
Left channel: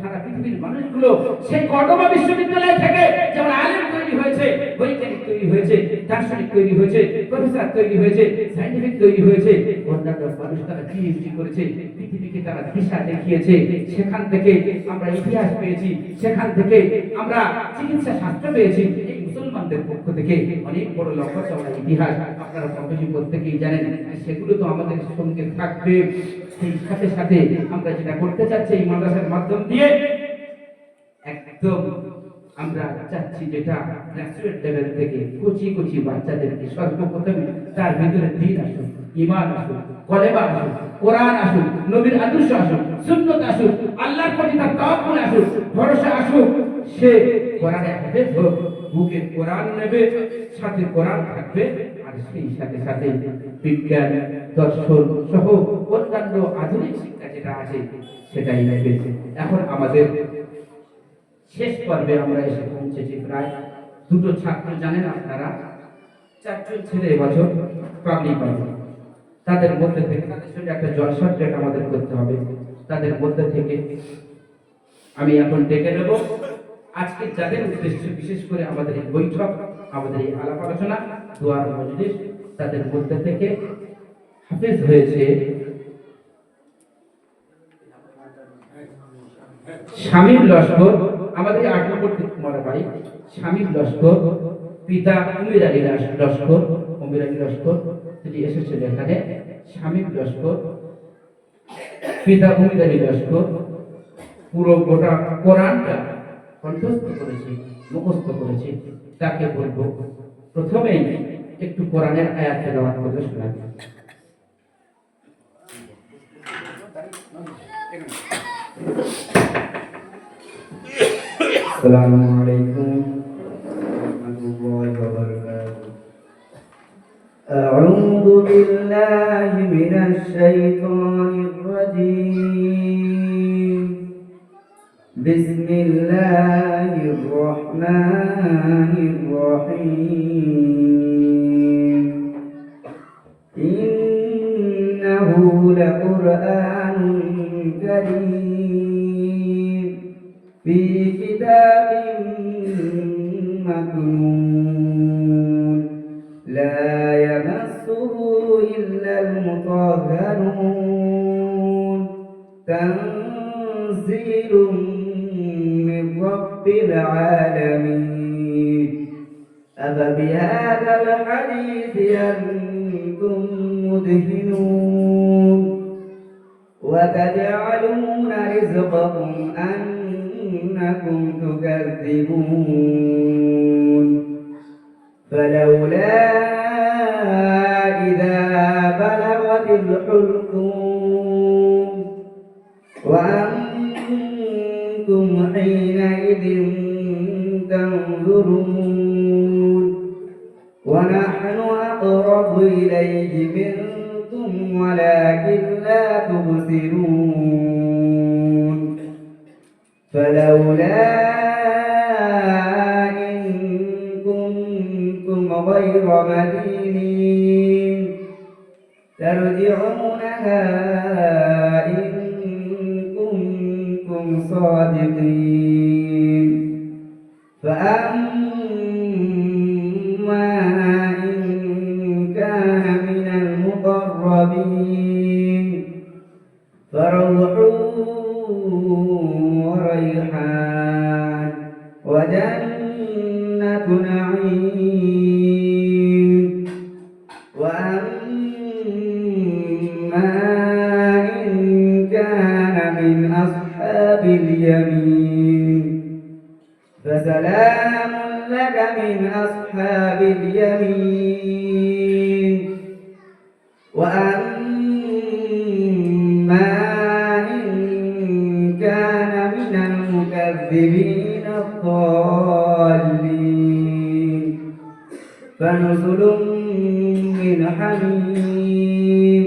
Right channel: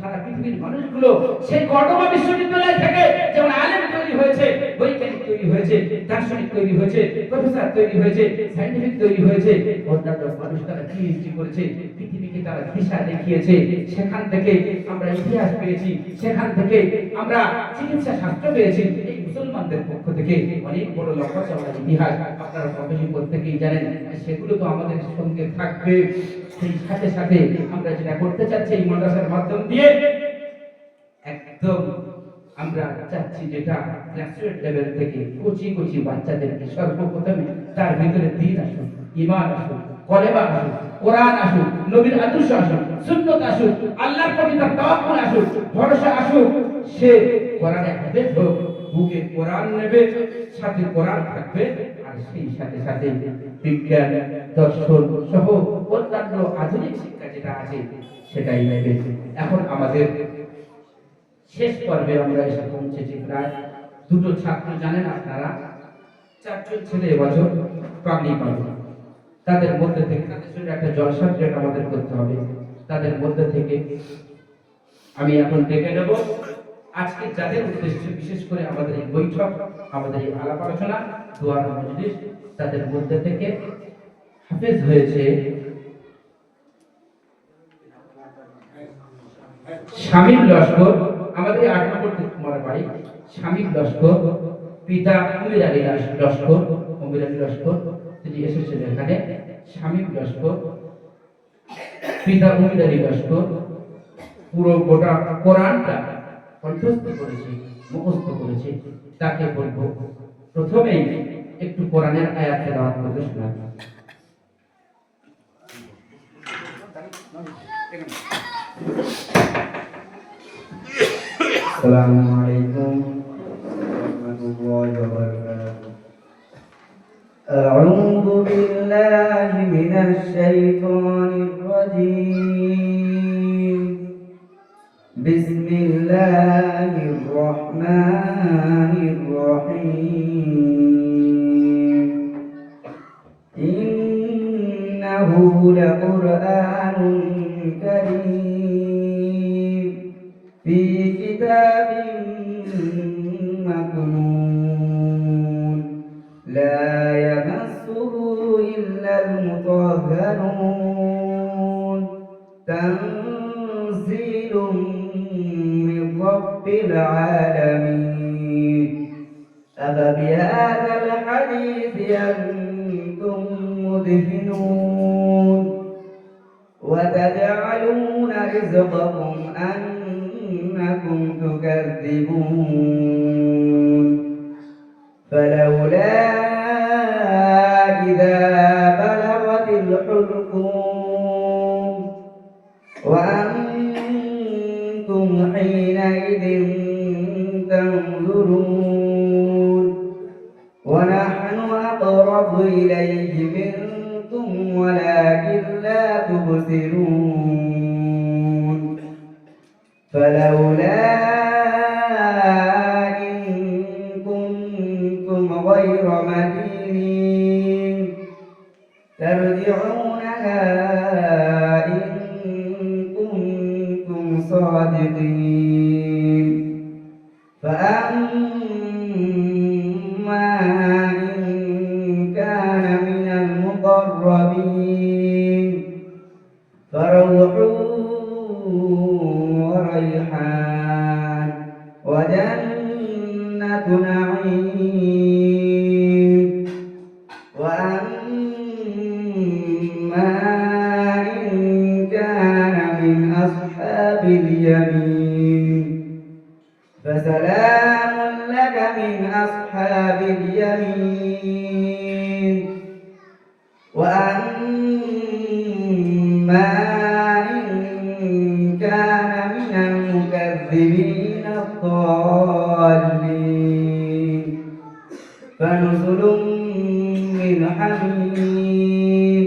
সারা পৃথিবীর মানুষগুলো। সেই কর্ডোবা বিশ্ববিদ্যালয় থেকে যেমন আলেম তৈরি হয়েছে, বৈজ্ঞানিক তৈরি হয়েছে, দার্শনিক তৈরি হয়েছে, প্রফেসর তৈরি হয়েছে, সায়েন্টিফিক তৈরি হয়েছে, অন্যান্য মানুষ তারা পিএইচডি করেছে, পৃথিবীকে তারা দিশা দেখিয়েছে। সেখান থেকে আমরা ইতিহাস পেয়েছি, সেখান থেকে আমরা চিকিৎসা শাস্ত্র পেয়েছি। এই মুসলমানদের পক্ষ থেকে অনেক বড় লক্ষ্য চলা ইতিহাস আপনারা প্রকাশিত প্রত্যেকেই জানেন, সেগুলো তো আমাদের সঙ্গে থাকবে। সেই সাথে সাথে আমরা যেটা করতে চাচ্ছি এই মাদ্রাসার মাধ্যম দিয়ে, একদম আমরা চাচ্ছি যেটা গ্রাজুয়েট লেভেল থেকে কচি বাচ্চাদেরকে সর্বপ্রথমে তার ভিতরে দ্বীন আসুন, ঈমান আসুন, কলেমা আসুন, কোরআন আসুন, নবীর আদর্শ আসুন, সুন্নাত আসুন, আল্লাহর প্রতি তার তাওয়াক্কুল আসুন, ভরসা আসুন। সে কোরআনে হাফেজ হোক, বুকে কোরআন নেবে, সাথে কোরআন থাকবে, আর সেই সাথে সাথে বিজ্ঞান, দর্শন সহ অন্যান্য আধুনিক শিক্ষা যেটা আছে সেটাই নেবে। এখন আমাদের শেষ পর্বে আমরা এসে পৌঁছেছি। প্রায় দুটো ছাত্র, জানেন আপনারা, 4জন ছেলে এবছর পাবলিক পাবে। তাদের মধ্যে থেকে তাদের জন্য একটা জলসা ট্রেক আমাদের করতে হবে। তাদের মধ্যে থেকে আমি এখন ডেকে নেব আজকে যাদের উদ্দেশ্যে বিশেষ করে আমাদের এই বৈঠক, আমাদের এই আলাপ আলোচনা, দোয়ার মজলিস, তাদের মধ্যে থেকে হাফেজ হয়েছে শামীম লস্কর, আমাদের 8 নম্বর কুমার বাড়ি। শামীম লস্কর, পিতা উমির আলী লস্কর, তিনি এসেছেন এখানে। শামীম লস্কর, পিতা উমির আলী লস্কর, পুরো গোটা কোরআনটা কণ্ঠস্থ করেছে, মুখস্থ করেছে। তাকে বলবো প্রথমেই একটু কোরআনের আয়াত তেলাওয়াত করে শোনাবেন। السلام عليكم ورحمة الله وبركاته. أعوذ بالله من الشيطان الرجيم. بسم الله الرحمن الرحيم. إنه لقرآن كريم في كتاب مكنون تنزيل من رب العالمين أفبهذا الحديث أنتم مدهنون وتجعلون رزقكم أنكم تكذبون فلولا إذا بلغت الحلقوم وأنتم حينئذ تنظرون ونحن أقرب إليه منكم ولكن لا تبصرون فلولا إن كنتم غير مدينين ترجعونها إن كنتم صادقين فأما إن كان من المقربين فروح وريحان وجنة نعيم وأما إن كان من أصحاب اليمين فسلام لك من أصحاب اليمين وأما إن كان من المكذبين الضالين فنزل من حميم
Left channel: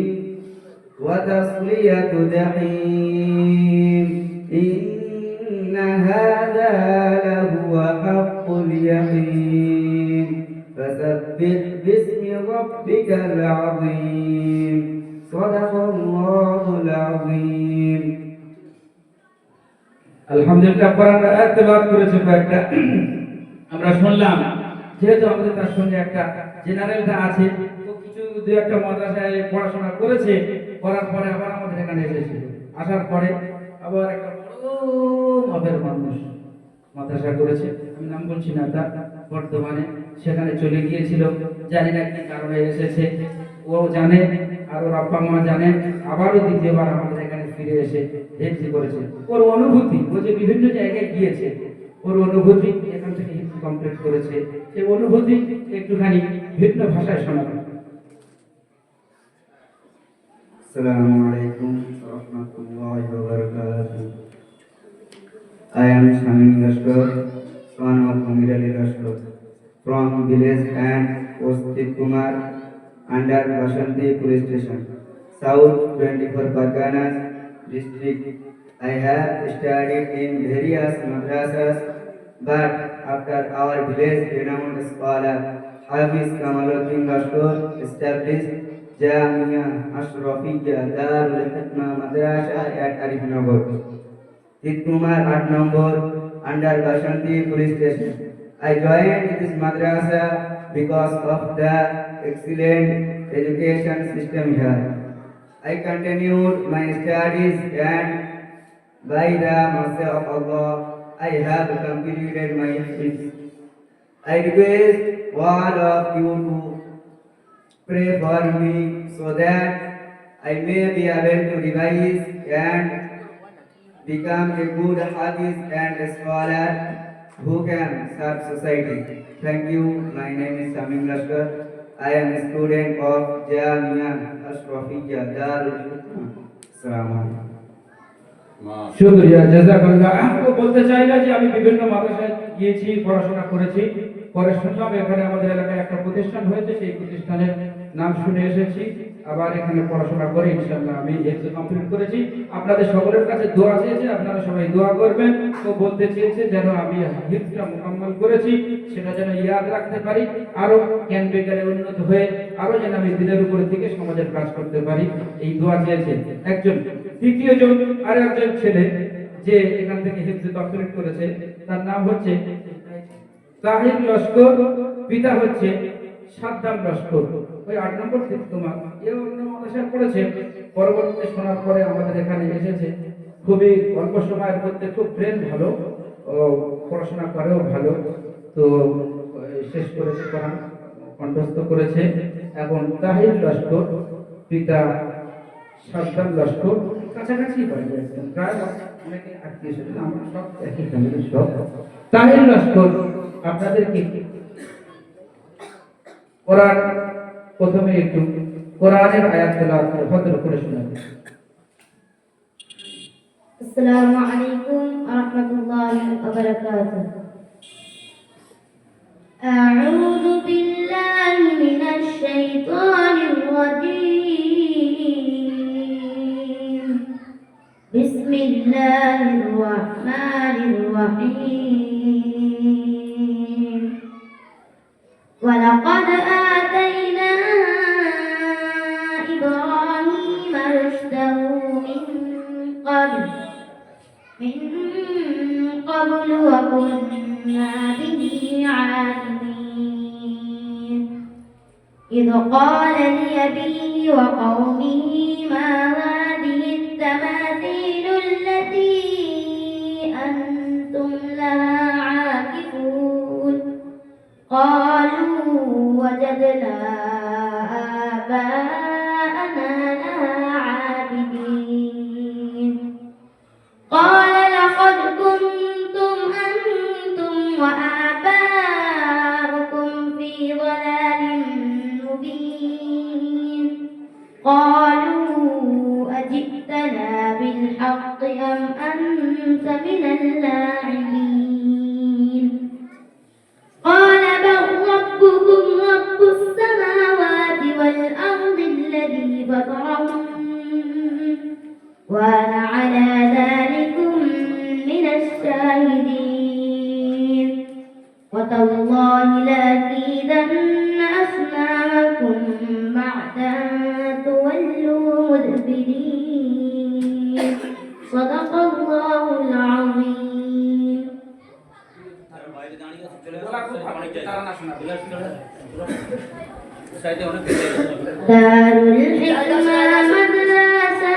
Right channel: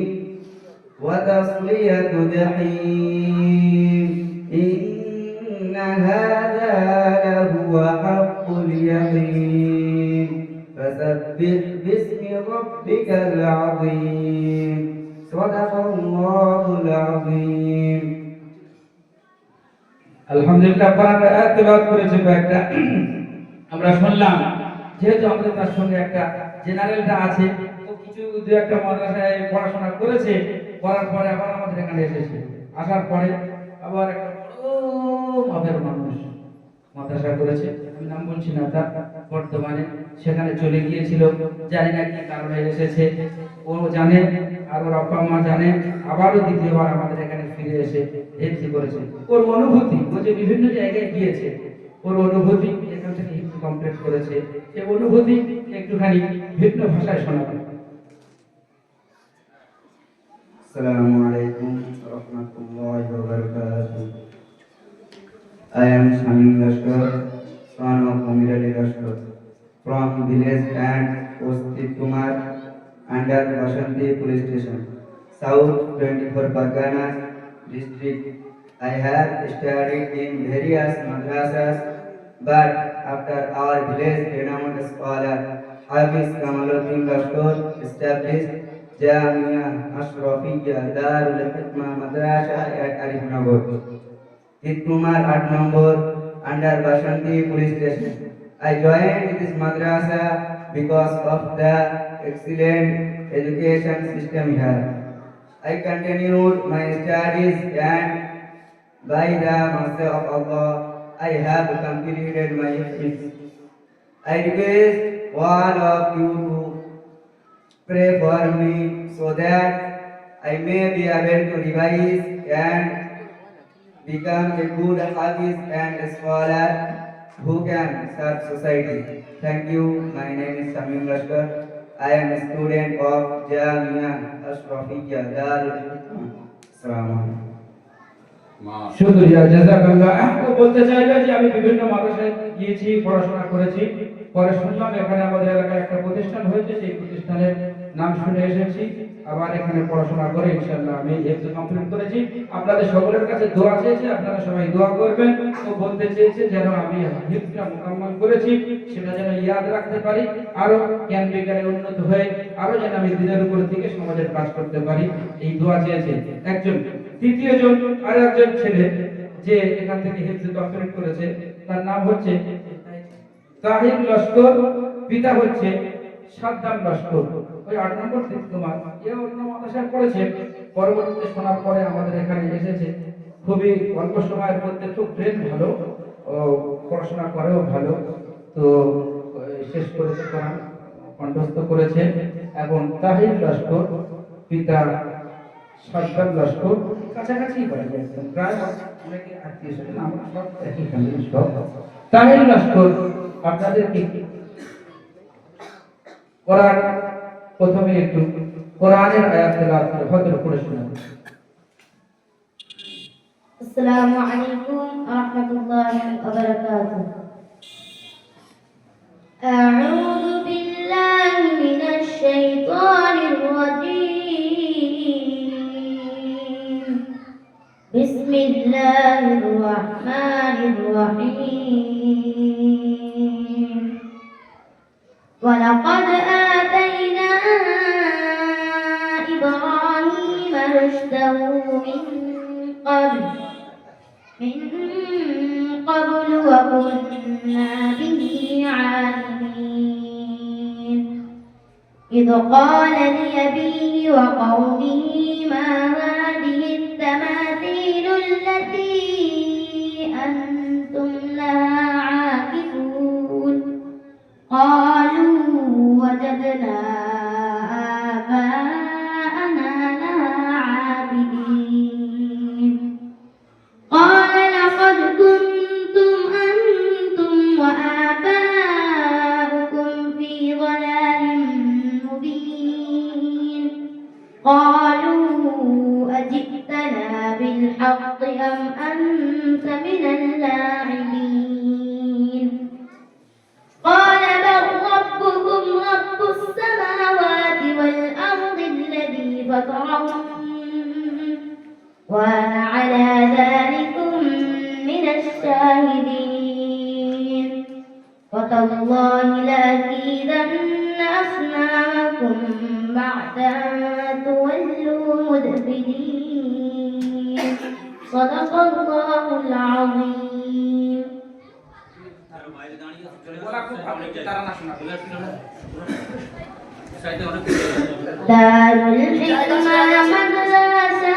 وتصلية جحيم إن هذا لهو حق اليقين فسبح باسم ربك العظيم صدق الله العظيم আলহামদুলিল্লাহ কোরআন আয়াত তেলাওয়াত করেছে কয়েকটা আমরা শুনলাম। যেহেতু আমাদের তার সঙ্গে একটা জেনারেলটা আছে, তো কিছু দু একটা মাদ্রাসায় পড়াশোনা করেছে, করার পরে আবার আমাদের এখানে এসেছে, আসার পরে আবার একটা বড় মাপের মানুষ মাদ্রাসা করেছে, আমি নাম বলছি না, তা বর্তমানে সেখানে চলে গিয়েছিল, জানি না কি কারণে এসেছে, ও জানে আর ওর আব্বা মা জানে, আবারও দ্বিতীয়বার আমাদের এখানে ফিরে এসে হিফজ করেছে। ওর অনুভূতি, ও যে বিভিন্ন জায়গায় গিয়েছে, ওর অনুভূতি এখান থেকে হিফজ কমপ্লিট করেছে, সেই অনুভূতি একটুখানি ভিন্ন ভাষায় শোনাবেন। Assalamu alaikum warahmatullahi wabarakatuh. I am Shamim Lashkar, son of Amirali Lashkar, from village and Ostit Kumar, under Vasanti Police Station, South 24 Parganas district. I have studied in various madrasas, but after our village renowned scholar Hafiz Kamaluddin Lashkar established Jamia Ashrafiyya Darul Hikmah Madrasa at Arifnagar, Kumar 8 number, under Vasanti Police Station. I joined this madrasa because of the excellent education system here. I continued my studies and by the mercy of Allah, I have completed my studies. I request all of you to pray for me so that I may be able to revise and become a good Hafiz and a scholar who can serve society. Thank you. My name is Shamim Lashkar. I am a student of Jamia Ashrafiyya Darul Hikmah. Assalamu alaikum. শুকরিয়া, জাযাকাল্লাহ। আমাকে বলতে চাইলো যে আমি বিভিন্ন মাদ্রাসায় গিয়েছি, পড়াশোনা করেছি, পরে শুনলাম এখানে আমাদের এলাকায় একটা প্রতিষ্ঠান হয়েছে, সেই প্রতিষ্ঠানের নাম শুনে এসেছি, আবার এখানে পড়াশোনা করে ইনশাআল্লাহ আমি হিফজ কমপ্লিট করেছি। আপনাদের সকলের কাছে দোয়া চেয়েছে, আপনারা সবাই দোয়া করবেন। ও বলতে চেয়েছে যেন আমি হিফজটা মুকাম্মাল করেছি সেটা যেন ইয়াদ রাখতে পারি, আরো জ্ঞান বিজ্ঞানে উন্নত হয়ে আরো যেন আমি দিনের উপর থেকে সমাজের কাজ করতে পারি, এই দোয়া চেয়েছে একজন। তৃতীয় জন আর একজন ছেলে যে এখান থেকে হিফজ কমপ্লিট করেছে, তার নাম হচ্ছে তাহির লস্কর, পিতা হচ্ছে সাদ্দাম লস্কর, ওই 8 নম্বর তোমার এ অন্য মাদ্রাসায় পড়েছে, পরবর্তীতে শোনার পরে আমাদের এখানে এসেছে, খুবই অল্প সময়ের মধ্যে খুব ব্রেন ভালো ও পড়াশোনা করেও ভালো। তো শেষ করেছে কোরআন কণ্ঠস্থ করেছে। এখন তাহির লস্কর পিতা সাদ্দাম লস্কর কাছাকাছি বাড়ি একদম প্রায় অনেকে আত্মীয় স্বজন আমরা সব একই ফ্যামিলির সব। তাহির লস্কর আপনাদেরকে কোরআন প্রথমে একটু কোরআনের আয়াত তেলাওয়াত করে ভদ্র করে শোনাবেন। السلام عليكم ورحمة الله وبركاته. أعوذ بالله من الشيطان الرجيم. بسم الله الرحمن الرحيم. ولقد آتينا إبراهيم رشده من قبل وكنا به عالمين. إذ قال لأبيه وقومه ما هذه التماثيل التي أنتم لها عاكفون. قالوا وجدنا آباءنا لها عابدين. قال لقد كنتم أنتم وآباؤكم في ضلال مبين. قالوا أجئتنا بالحق أم أنت من اللاعبين. قال بل ربكم رب السماوات والأرض الذي فطرهن وأنا على ذلكم من الشاهدين. وتالله لأكيدن أصنامكم بعد أن تولوا مدبرين. صدق الله العظيم. دار الحكمة مدرسة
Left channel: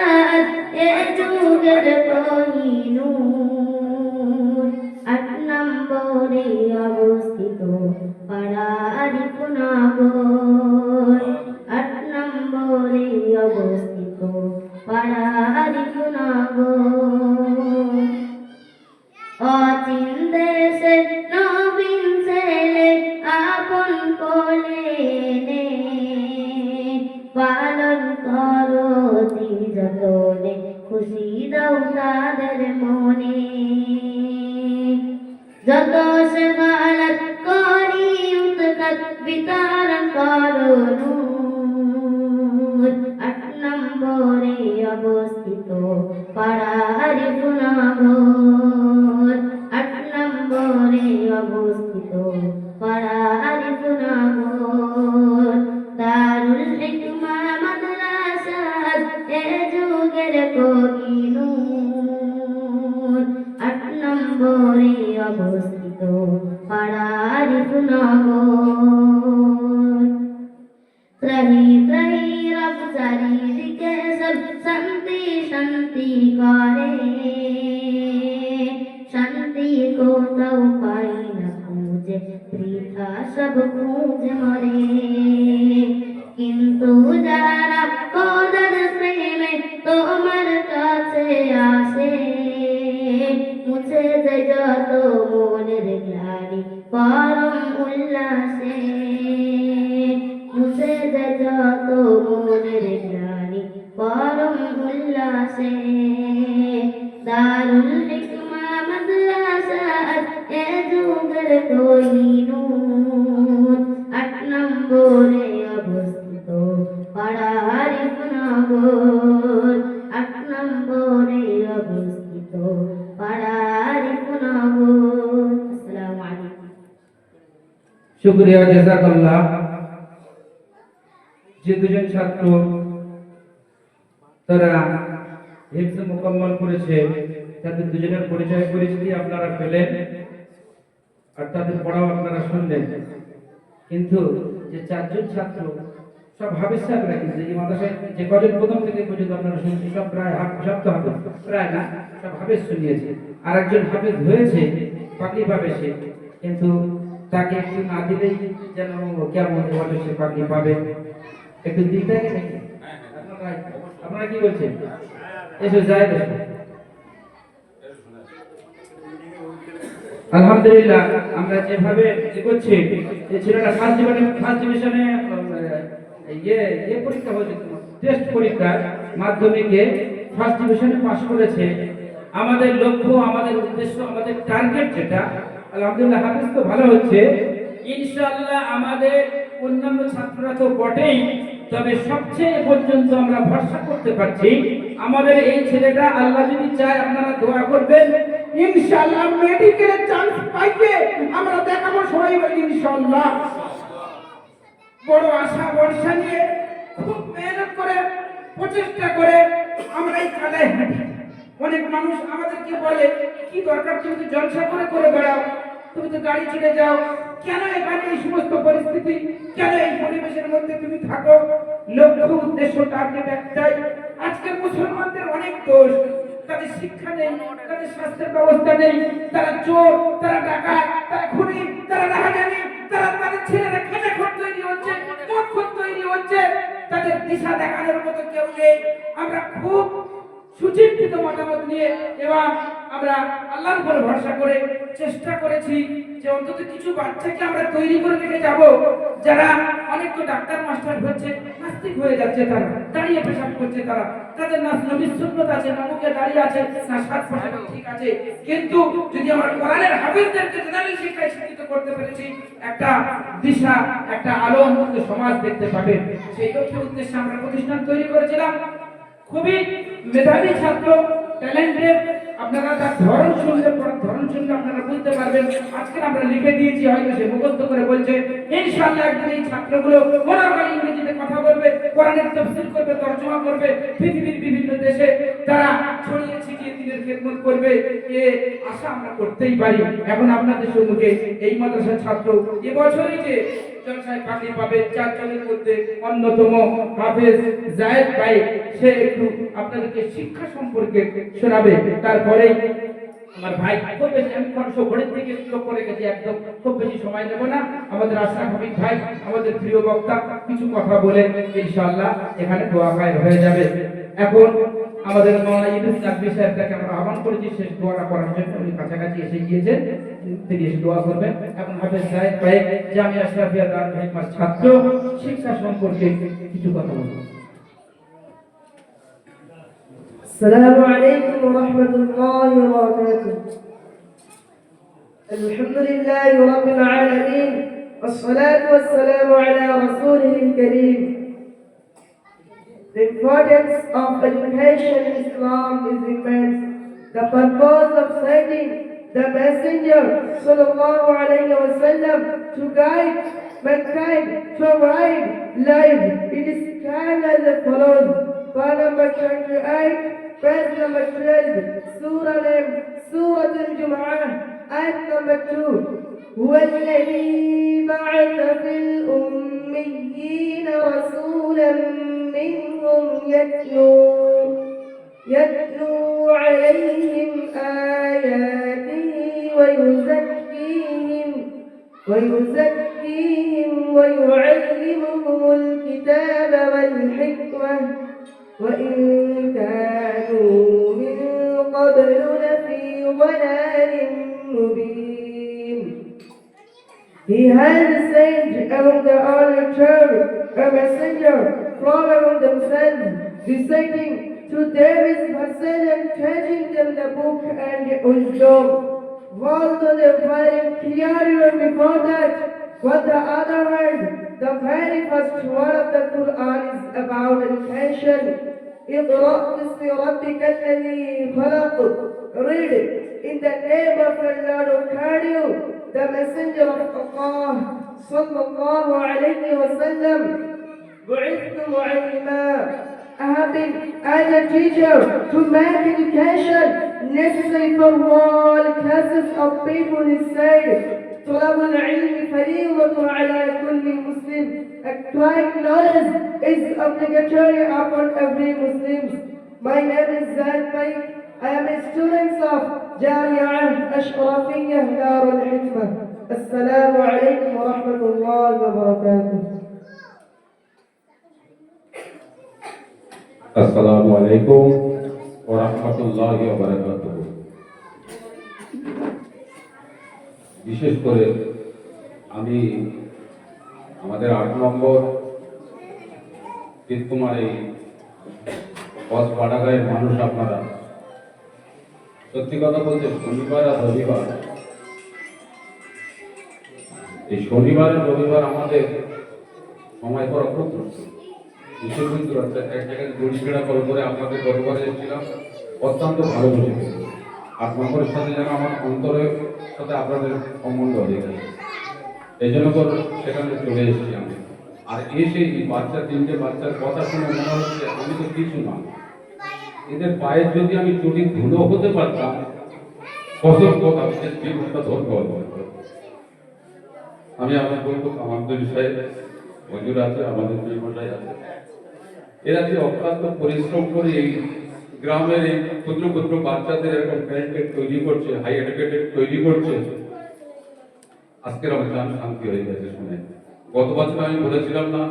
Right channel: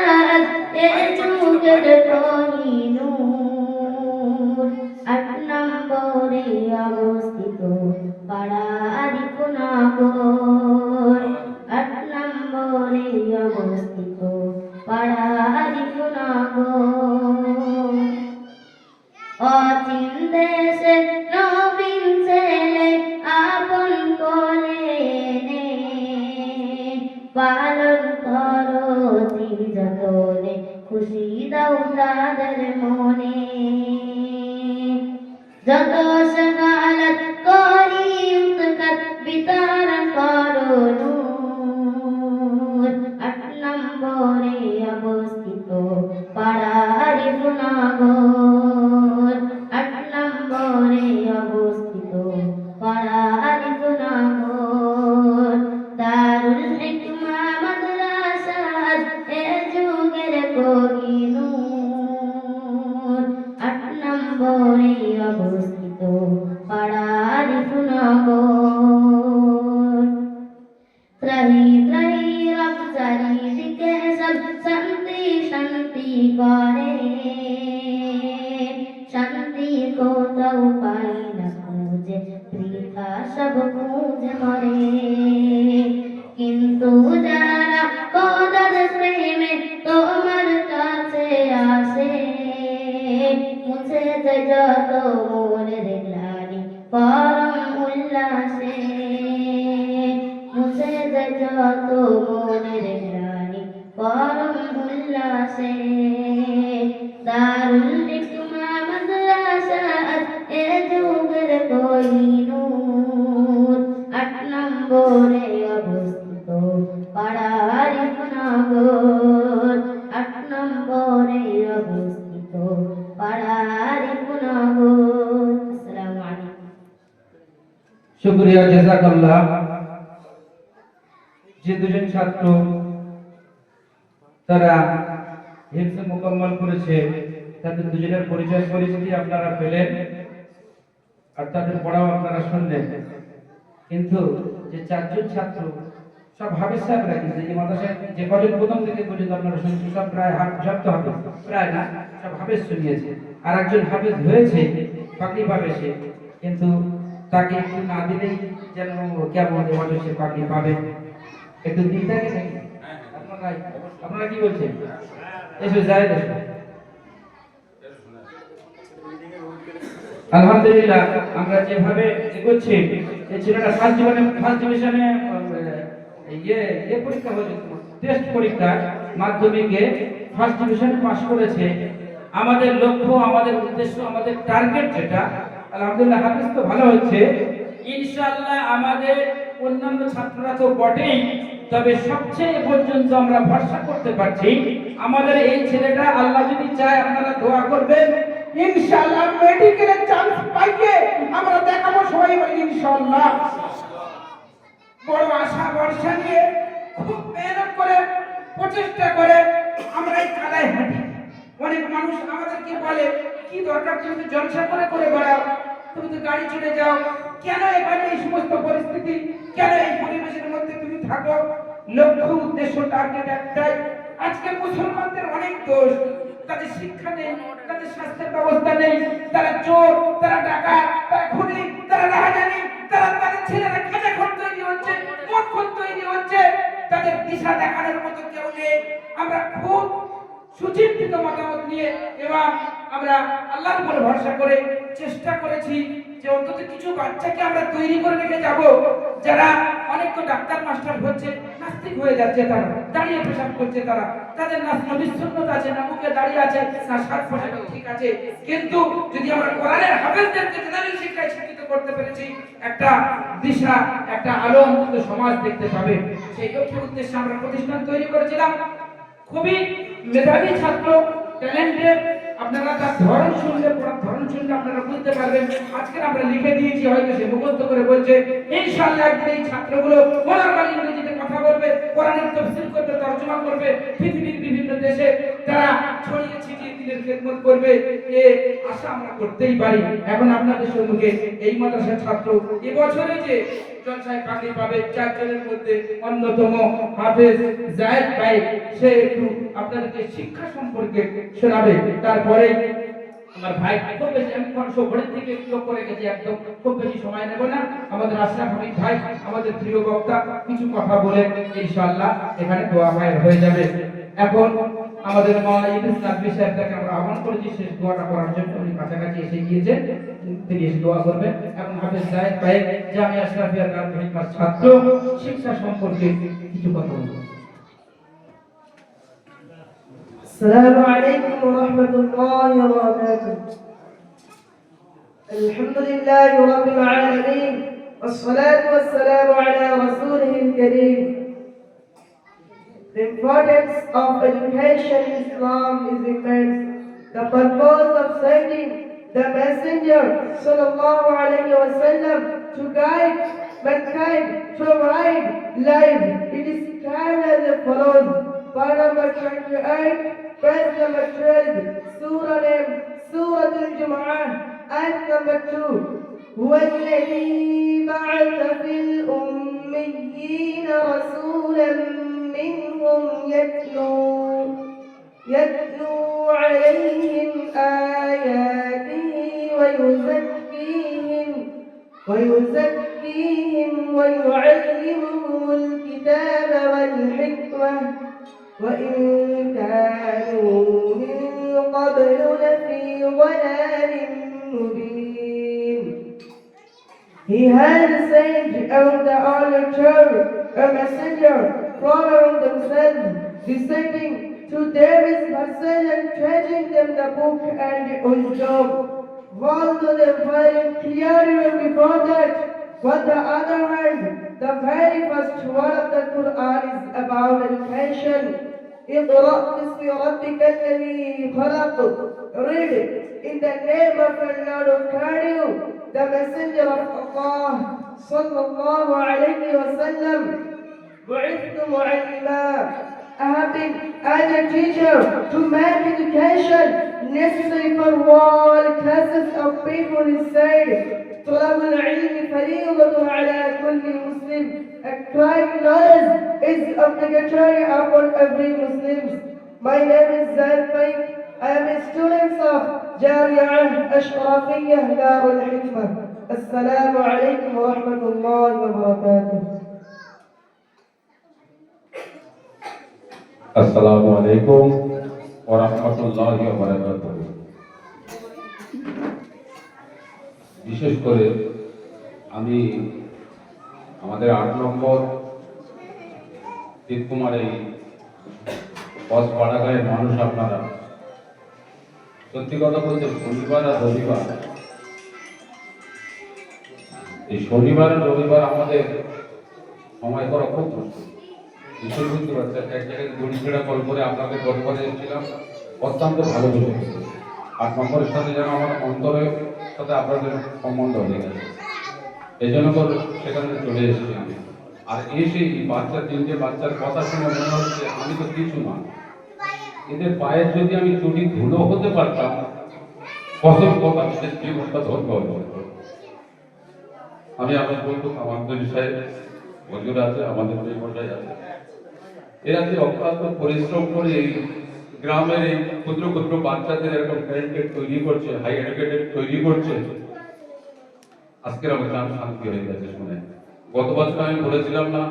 কোহিনূর ৮ নম্বরে অবস্থিত পাড়া আরিফনগর। ৮ নম্বরে অবস্থিত পাড়া আরিফনগর। অচিন দেশে নবীন ছেলে আপন কোলে নে পালন করো দিন যতনে খুশি দাও তাদের মনে। যত সগালত করি উৎকট বিতার করো নূর। ৮ নম্বরে অবস্থিত পাড়া আরিফনগর। ৮ নম্বরে অবস্থিত পাড়া আরিফনগর। দারুল হিকমা মাদ্রাসা এ যুগের কোহিনূর। ৮ নম্বরে অবস্থিত পাড়া আরিফনগর। ত্রাহি ত্রাহি রব চারিদিকে সব শান্তি শান্তি করে। শান্তি কোথাও পাই না খুঁজে বৃথা সব খুঁজে মরে। কিন্তু যারা খোদার প্রেমে তোমার কাছে আসে মুছে যায় যত মনের গ্লানি পরম উল্লাসে। মুছে যায় যত মনের গ্লানি পরম উল্লাসে। দারুল হিকমা মাদ্রাসা এ যুগের কোহিনূর। ৮ নম্বরে অবস্থিত পাড়া আরিফনগর। ৮ নম্বরে অবস্থিত পাড়া আরিফনগর। আসসালামু আলাইকুম। শুকরিয়া, জাযাকাল্লাহ। যে দুজন ছাত্র তারা হিফজ মুকম্মল করেছে তাদের দুজনের পরিচয় পরিচিতি আপনারা পেলেন আর তাদের পড়াও আপনারা শুনলেন। কিন্তু যে ৪ জন ছাত্র সব হাফেজ সাহেবরা কিন্তু এই মাদ্রাসায় যে কজন প্রথম থেকে পর্যন্ত আপনারা শুনছেন সব প্রায় সব তো হাফেজ, প্রায় না সব হাফেজ শুনিয়েছে। আর একজন হাফেজ হয়েছে পাগড়ি পাবে সে, কিন্তু তাকে একটু না দিলেই যেন কেমন বলে সে পাগড়ি পাবে, একটু দিতে নাকি আপনারা কি বলছেন? এসো যাই দেখো। আলহামদুলিল্লাহ আমরা যেভাবে এগোচ্ছি, এই ছেলেটা ফার্স্ট ডিভিশনে পরীক্ষা হয়েছে, টেস্ট পরীক্ষা মাধ্যমিকে ফার্স্ট ডিভিশনে পাস করেছে। আমাদের লক্ষ্য, আমাদের উদ্দেশ্য, আমাদের টার্গেট যেটা, আলহামদুলিল্লাহ হাফেজ তো ভালো হচ্ছে, ইনশাআল্লাহ আমাদের অন্যান্য ছাত্ররা তো বটেই, তবে সবচেয়ে পর্যন্ত আমরা ভরসা করতে পারছি আমাদের এই ছেলেটা আল্লাহ যদি চায়, আপনারা দোয়া করবেন, ইনশাআল্লাহ মেডিকেল চান্স পাইবে। আমরা দেখাবো সবাই বলি ইনশাআল্লাহ। বড় আশা ভরসা নিয়ে খুব মেহনত করে প্রচেষ্টা করে আমরা এই কালায় হাঁটি। অনেক মানুষ আমাদের কি বলে, কি দরকার তুমি জলসা করে বেড়াও, তুমি তো গাড়ি চলে যাও, কেন এখানে এই সমস্ত পরিস্থিতি, কেন এই পরিবেশের মধ্যে তুমি থাকো? লক্ষ্য উদ্দেশ্য টার্গেট একটাই। আজকের মুসলমানদের অনেক দোষ, তাদের শিক্ষা নেই, তাদের স্বাস্থ্যের ব্যবস্থা নেই, তারা চোর, তারা ডাকাত, তারা খুনি, তারা রাহাজানি, তারা তাদের ছেলেরা খেটে খোর তৈরি হচ্ছে, মদ খোর তৈরি হচ্ছে, তাদের দিশা দেখানোর মতো কেউ নেই। আমরা খুব সুচিন্তিত মতামত নিয়ে এবং আমরা আল্লাহর উপরে ভরসা করে চেষ্টা করেছি যে অন্তত কিছু বাচ্চাকে আমরা তৈরি করে রেখে যাব, যারা অনেক তো ডাক্তার মাস্টার হচ্ছে, নাস্তিক হয়ে যাচ্ছে, তারা দাঁড়িয়ে পেশাব করছে, তারা তাদের না নবীর সুন্নাত আছে, না মুখে দাঁড়িয়ে আছে, না সাত পাঁচ ঠিক আছে, কিন্তু যদি আমরা কোরআনের হাফেজদেরকে জেনারেল শিক্ষায় শিক্ষিত করতে পেরেছি, একটা দিশা, একটা আলো অন্তত সমাজ দেখতে পাবে। সেই লক্ষ্যে উদ্দেশ্যে আমরা প্রতিষ্ঠান তৈরি করেছিলাম। খুবই মেধাবী ছাত্র, ট্যালেন্টেড, আপনারা তার ধরন শুনলে আপনারা বুঝতে পারবেন। আজকে আমরা লিখে দিয়েছি, হয়তো সে মুখস্থ করে বলছে, ইনশাআল্লাহ একদিন এই ছাত্রগুলো মনের কালে ইংরেজিতে কথা বলবে, কোরআনের তাফসীর করবে, তরজমা করবে, পৃথিবীর বিভিন্ন দেশে তারা ছড়িয়ে ছিটিয়ে দিনের খেদমত করবে। এ আশা আমরা করতেই পারি। এখন আপনাদের সম্মুখে এই মাদ্রাসার ছাত্র এবছরে যে জলসায় পাগড়ি পাবে, 4 জনের মধ্যে অন্যতম হাফেজ জায়েদ ভাই, সে একটু আপনাদেরকে শিক্ষা সম্পর্কে শোনাবে। তারপরে আমার ভাই খুব বেশি, আমি ঘড়ির দিকে লক্ষ্য রেখেছি, একদম খুব বেশি সময় নেব না। আমাদের আশরাফ হাবিব ভাই, আমাদের প্রিয় বক্তা, কিছু কথা বলে ইনশাআল্লাহ এখানে দোয়া হয়ে যাবে। এখন আমাদের মাওলানা ইদ্রিস নাকভী সাহেবকে আমরা আহ্বান করেছি শেষ দোয়াটা করার জন্য। উনি কাছাকাছি এসে গিয়েছে, তিনি এসে দোয়া করবেন। এখন হাফেজ জায়েদ ভাই জামিয়া আশরাফিয়া দারুল হিকমার ছাত্র, শিক্ষা সম্পর্কে কিছু কথা বলবেন। السلام عليكم ورحمة الله وبركاته. الحمد لله رب العالمين، والصلاة والسلام على رسوله الكريم. The importance of education in Islam is immense. The purpose of sending the Messenger sallallahu alayhi wa sallam to guide mankind to a right life, it is clear as follows. Part number 28, verse number 12, Surah name, Surah Al-Jum'ah, ayat number 2. هو الذي بعث في الأميين رسولا منهم يتلو عليهم آياته ويزكيهم ويعلمهم الكتاب والحكمة وإن كانوا من قبل لفي ضلال مبين. He has sent among the early a messenger from among themselves, reciting to them his verses and teaching them the book and wisdom. Although they were clear even before that, on the other hand, the very first word of the Quran is about education. اقرأ باسم ربك الذي خلق. Read in the name of Allah who created you. The Messenger of Allah sallallahu alayhi wa sallam بعثت معلما. I have been as a teacher to make education necessary for all classes of people inside. طلب العلم فريضة على كل مسلم. Acquiring knowledge is obligatory upon every Muslim. My name is Zaid Pai. I am a student of Jami'ah Ashrafiyah Dar al-Hikmah. Assalamu alaikum wa rahmatullahi wa barakatuh. আসসালামু আলাইকুম ওয়া রাহমাতুল্লাহি ওয়া বারাকাতুহু। বিশেষ করে আমি আমাদের ৮ নম্বর তিনকুমার এই পাড়াগাঁয়ের মানুষ, আপনারা সত্যি কথা বলতে শনিবার আর রবিবার, এই শনিবার আর রবিবার আমাদের সময় করা খুব কষ্ট। বিশেষ বুঝতে পারছেন, এক জায়গায় দড়িঘেরা কল করে আপনাদের পরিবারে এসেছিলাম, অত্যন্ত ভালো বসে গেছে। ৮ নম্বরের সাথে যেন আমার অন্তরের সাথে আপনাদের সম্বন্ধ হয়ে গেছে, এই জন্য করে সেখানে চলে এসেছি আমি। আর এসে এই বাচ্চা 3টে বাচ্চার কথা শুনে মনে হচ্ছে আমি তো কিছু না, এদের পায়ের যদি আমি চুরি ধুলো হতে পারতাম, কত কথা জীবনটা ধন্য হতো। আমি বলবো আমার দুই সাহেব বন্ধুরা আছে, আমাদের দুই মশাই আছে, এরা যে অক্লান্ত পরিশ্রম করে এই গ্রামের এই ক্ষুদ্র ক্ষুদ্র বাচ্চাদের এরকম ট্যালেন্টেড তৈরি করছে, হাই এডুকেটেড তৈরি করছে, আজকের আমার নাম শান্তি হয়ে গেছে শুনে। গত বছর আমি বলেছিলাম না,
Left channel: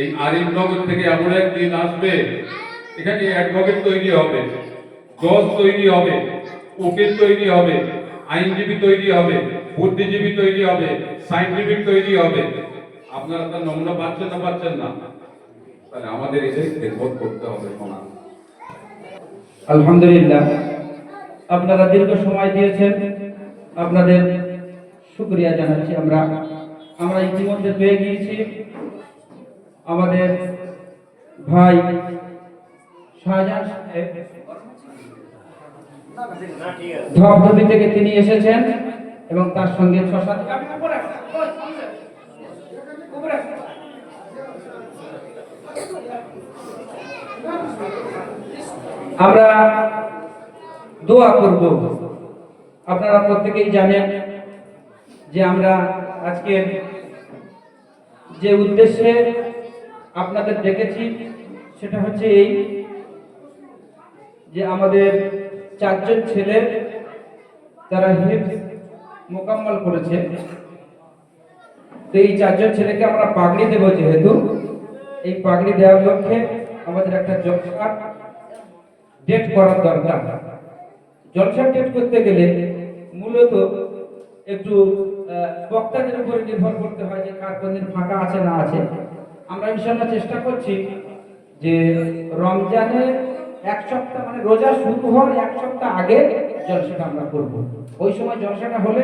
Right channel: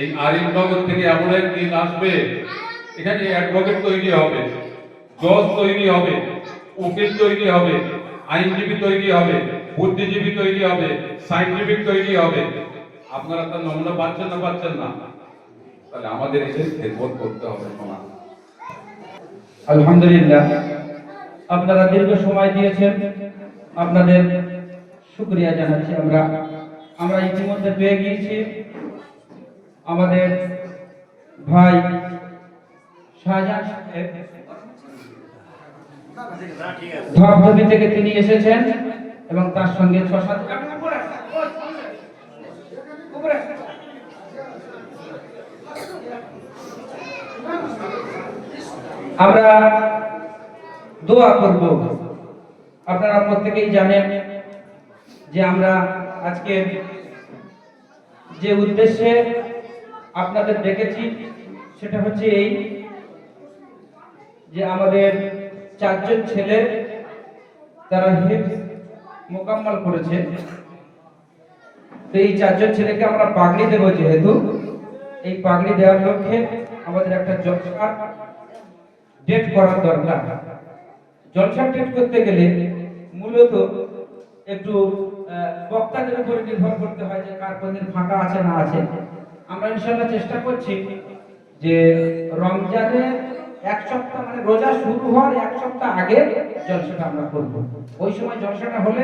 এই আরিফনগর থেকে এমন একদিন আসবে, এখানে অ্যাডভোকেট তৈরি হবে, জজ তৈরি হবে, উকিল তৈরি হবে, আইনজীবী তৈরি হবে, বুদ্ধিজীবী তৈরি হবে, সাইন্টিফিক তৈরি হবে। আপনারা তার নমুনা পাচ্ছেন না, পাচ্ছেন না, তাহলে আমাদের এদের খেদমত করতে হবে। শোনা আলহামদুলিল্লাহ, আপনারা দীর্ঘ সময় দিয়েছেন, আপনাদের শুকরিয়া জানাচ্ছি। আমরা ইতিমধ্যে পেয়ে গিয়েছি আমাদের ভাই শাহজাহান সাহেব, ধবধবি থেকে তিনি এসেছেন এবং তার সঙ্গে ৬-৭ আমরা দোয়া করব। আপনারা প্রত্যেকেই জানেন যে আমরা আজকে যে উদ্দেশ্যে আপনাদের ডেকেছি সেটা হচ্ছে এই যে আমাদের 4 জন ছেলে তারা হিফজ মোকাম্মল করেছে। তো এই 4 জন ছেলেকে আমরা পাগড়ি দেব, যেহেতু এই পাগড়ি দেওয়ার লক্ষ্যে আমাদের একটা জলসা ডেট করার দরকার। জলসা ডেট করতে গেলে মূলত একটু বক্তাদের উপরে নির্ভর করতে হয় যে কার কোনদিন ফাঁকা আছে না আছে। আমরা ইনশাআল্লাহ চেষ্টা করছি যে রমজানে 1 সপ্তাহ, মানে রোজা শুরু হওয়ার 1 সপ্তাহ আগে জলসাটা আমরা করব। ওই সময় জলসাটা হলে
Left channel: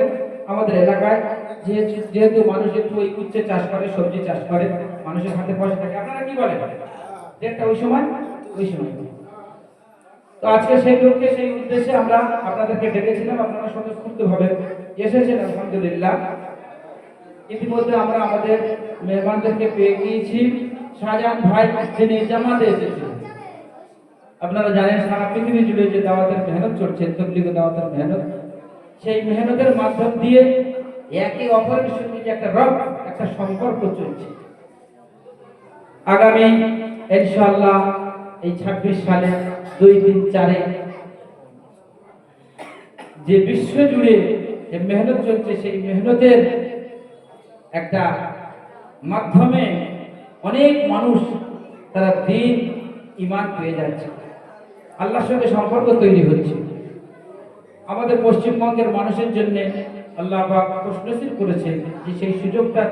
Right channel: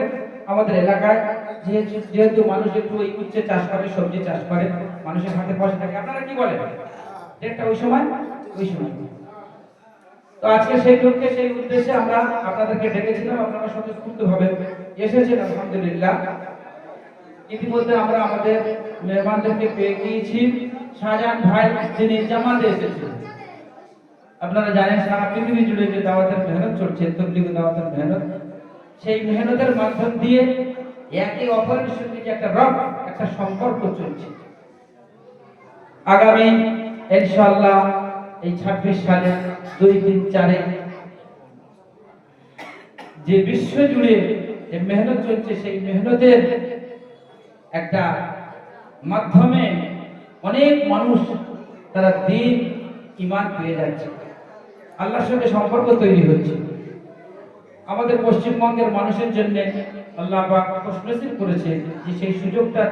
আমাদের এলাকায় যেহেতু মানুষ একটু ওই উচ্ছে চাষ করে, সবজি চাষ করে, মানুষের হাতে পয়সা থাকে। আপনারা কি বলেন? ডেটটা ওই সময় তো আজকে সেই লক্ষ্যে, সেই উদ্দেশ্যে আমরা আপনাদেরকে ডেকেছিলাম। আপনারা স্বতঃস্ফূর্তভাবে এসেছেন, আলহামদুলিল্লাহ। ইতিমধ্যে আমরা আমাদের মেহমানদেরকে পেয়ে গিয়েছি। শাহজাহান ভাই যিনি জামাতে এসেছেন, আপনারা জানেন সারা পৃথিবী জুড়ে যে দাওয়াতের মেহনত চলছে, তবলিগ দাওয়াতের মেহনত, সেই মেহনতের মাধ্যম দিয়ে একে অপরের সঙ্গে যে একটা সম্পর্ক চলছে। আগামী ইনশাআল্লাহ এই 26 সালে 2, 3, 4 যে বিশ্ব জুড়ে যে মেহনত চলছে, সেই মেহনতের একটা মাধ্যমে অনেক মানুষ তারা দ্বীন ঈমান পেয়ে যাচ্ছে, আল্লাহর সঙ্গে সম্পর্ক তৈরি হচ্ছে। আমাদের পশ্চিমবঙ্গের মানুষের জন্য আল্লাহ পাক খুশনসিব করেছে যে সেই সুযোগটা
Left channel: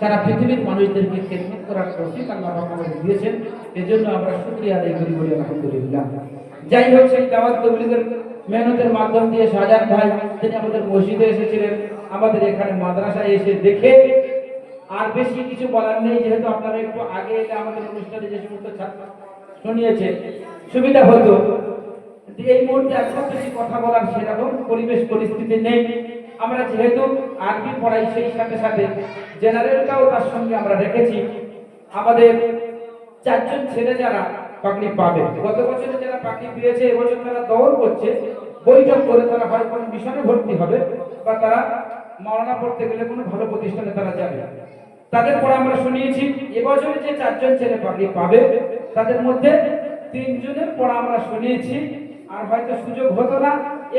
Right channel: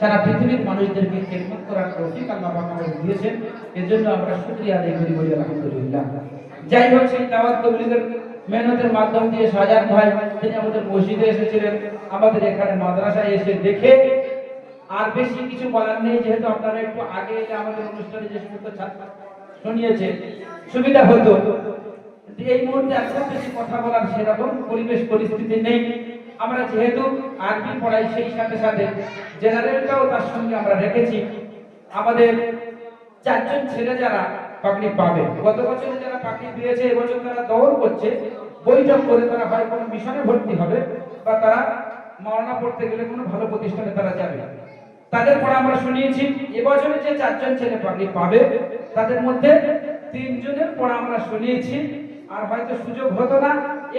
সারা পৃথিবীর মানুষদেরকে খেদমত করার তৌফিক আল্লাহ পাক আমাদের দিয়েছেন। এজন্য আমরা শুকরিয়া আদায় করি, বলি আলহামদুলিল্লাহ। যাই হোক, সেই দাওয়াত তবলিগের মেহনতের মাধ্যম দিয়ে শাহজাহান ভাই তিনি আমাদের মসজিদে এসেছিলেন, আমাদের এখানে মাদ্রাসায় এসে দেখে আর বেশি কিছু বলার নেই, যেহেতু আপনারা একটু আগে এলে আমাদের অনুষ্ঠানে যে সমস্ত ছাত্র শুনিয়েছে সুবিধা হতো। এই মুহূর্তে এত বেশি কথা বলার সেরকম পরিবেশ পরিস্থিতি নেই। আমরা যেহেতু আরবি পড়াই, সেই সাথে সাথে জেনারেলটাও তার সঙ্গে আমরা রেখেছি। আমাদের 4 জন ছেলে যারা পাগড়ি পাবে, গত বছরে যারা পাগড়ি পেয়েছে, এবছর তারা দৌড় করছে, বৈঠক করে তারা হয় কোনো মিশনে ভর্তি হবে বা তারা মাওলানা পড়তে গেলে কোনো ভালো প্রতিষ্ঠানে তারা যাবে। তাদের পর আমরা শুনিয়েছি এবছরে যে 4 জন ছেলে পাগড়ি পাবে তাদের মধ্যে 3 জনের পর আমরা শুনিয়েছি, আর হয়তো সুযোগ হতো না,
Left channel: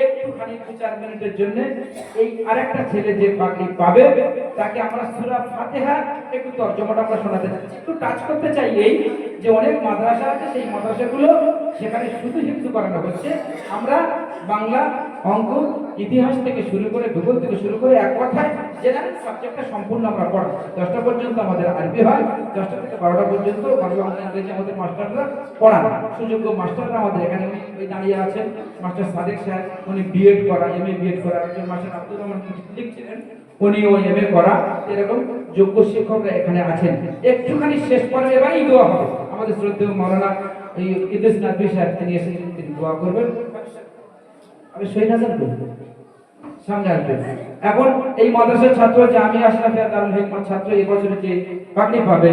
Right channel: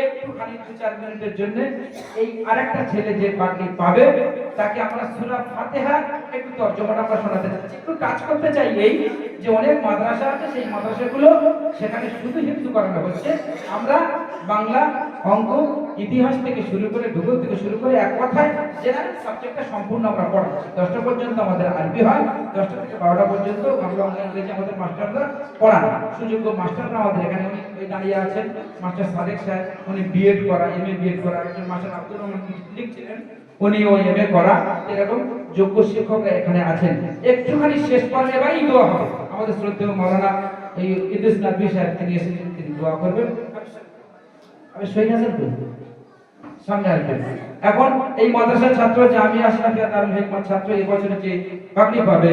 একটুখানি 2-4 মিনিটের জন্য এই আরেকটা ছেলে যে পাগড়ি পাবে তাকে আমরা সূরা ফাতিহা একটু তর্জমাটা আমরা শোনাতে চাচ্ছি। একটু টাচ করতে চাই এই যে অনেক মাদ্রাসা আছে, সেই মাদ্রাসাগুলো সেখানে শুধু হিফজ করানো হচ্ছে। আমরা বাংলা, অঙ্ক, ইতিহাস থেকে শুরু করে ভূগোল থেকে শুরু করে এক কথায় জেনারেল সাবজেক্টটা সম্পূর্ণ আমরা পড়াচ্ছি। 10টা পর্যন্ত আমাদের আরবি হয়, 10টা থেকে 12টা পর্যন্ত বাংলা, অঙ্ক, ইংরেজি আমাদের মাস্টাররা পড়ান। সুযোগ্য মাস্টাররা আমাদের এখানে ওই দাঁড়িয়ে আছেন, মাস্টার সাদেক সাহেব, উনি বিএড করা, এমএ বিএড করা, একজন মাস্টার আব্দুর রহমান লিখছিলেন, উনিও এমএ করা, এরকম যোগ্য শিক্ষকরা এখানে আছেন। একটুখানি শেষ পর্বে এবারই দোয়া হবে। আমাদের শ্রদ্ধেয় মাওলানা এই ইদ্রিস নাদভী সাহেব তিনি এসেছেন, তিনি দোয়া করবেন। আমি শহীদ হাসান সামনে আসবেন। এখন এই মাদ্রাসার ছাত্র যে আমি আশরাফিয়া দারুল হিকমত ছাত্র এই বছরে যে পাগড়ি পাবে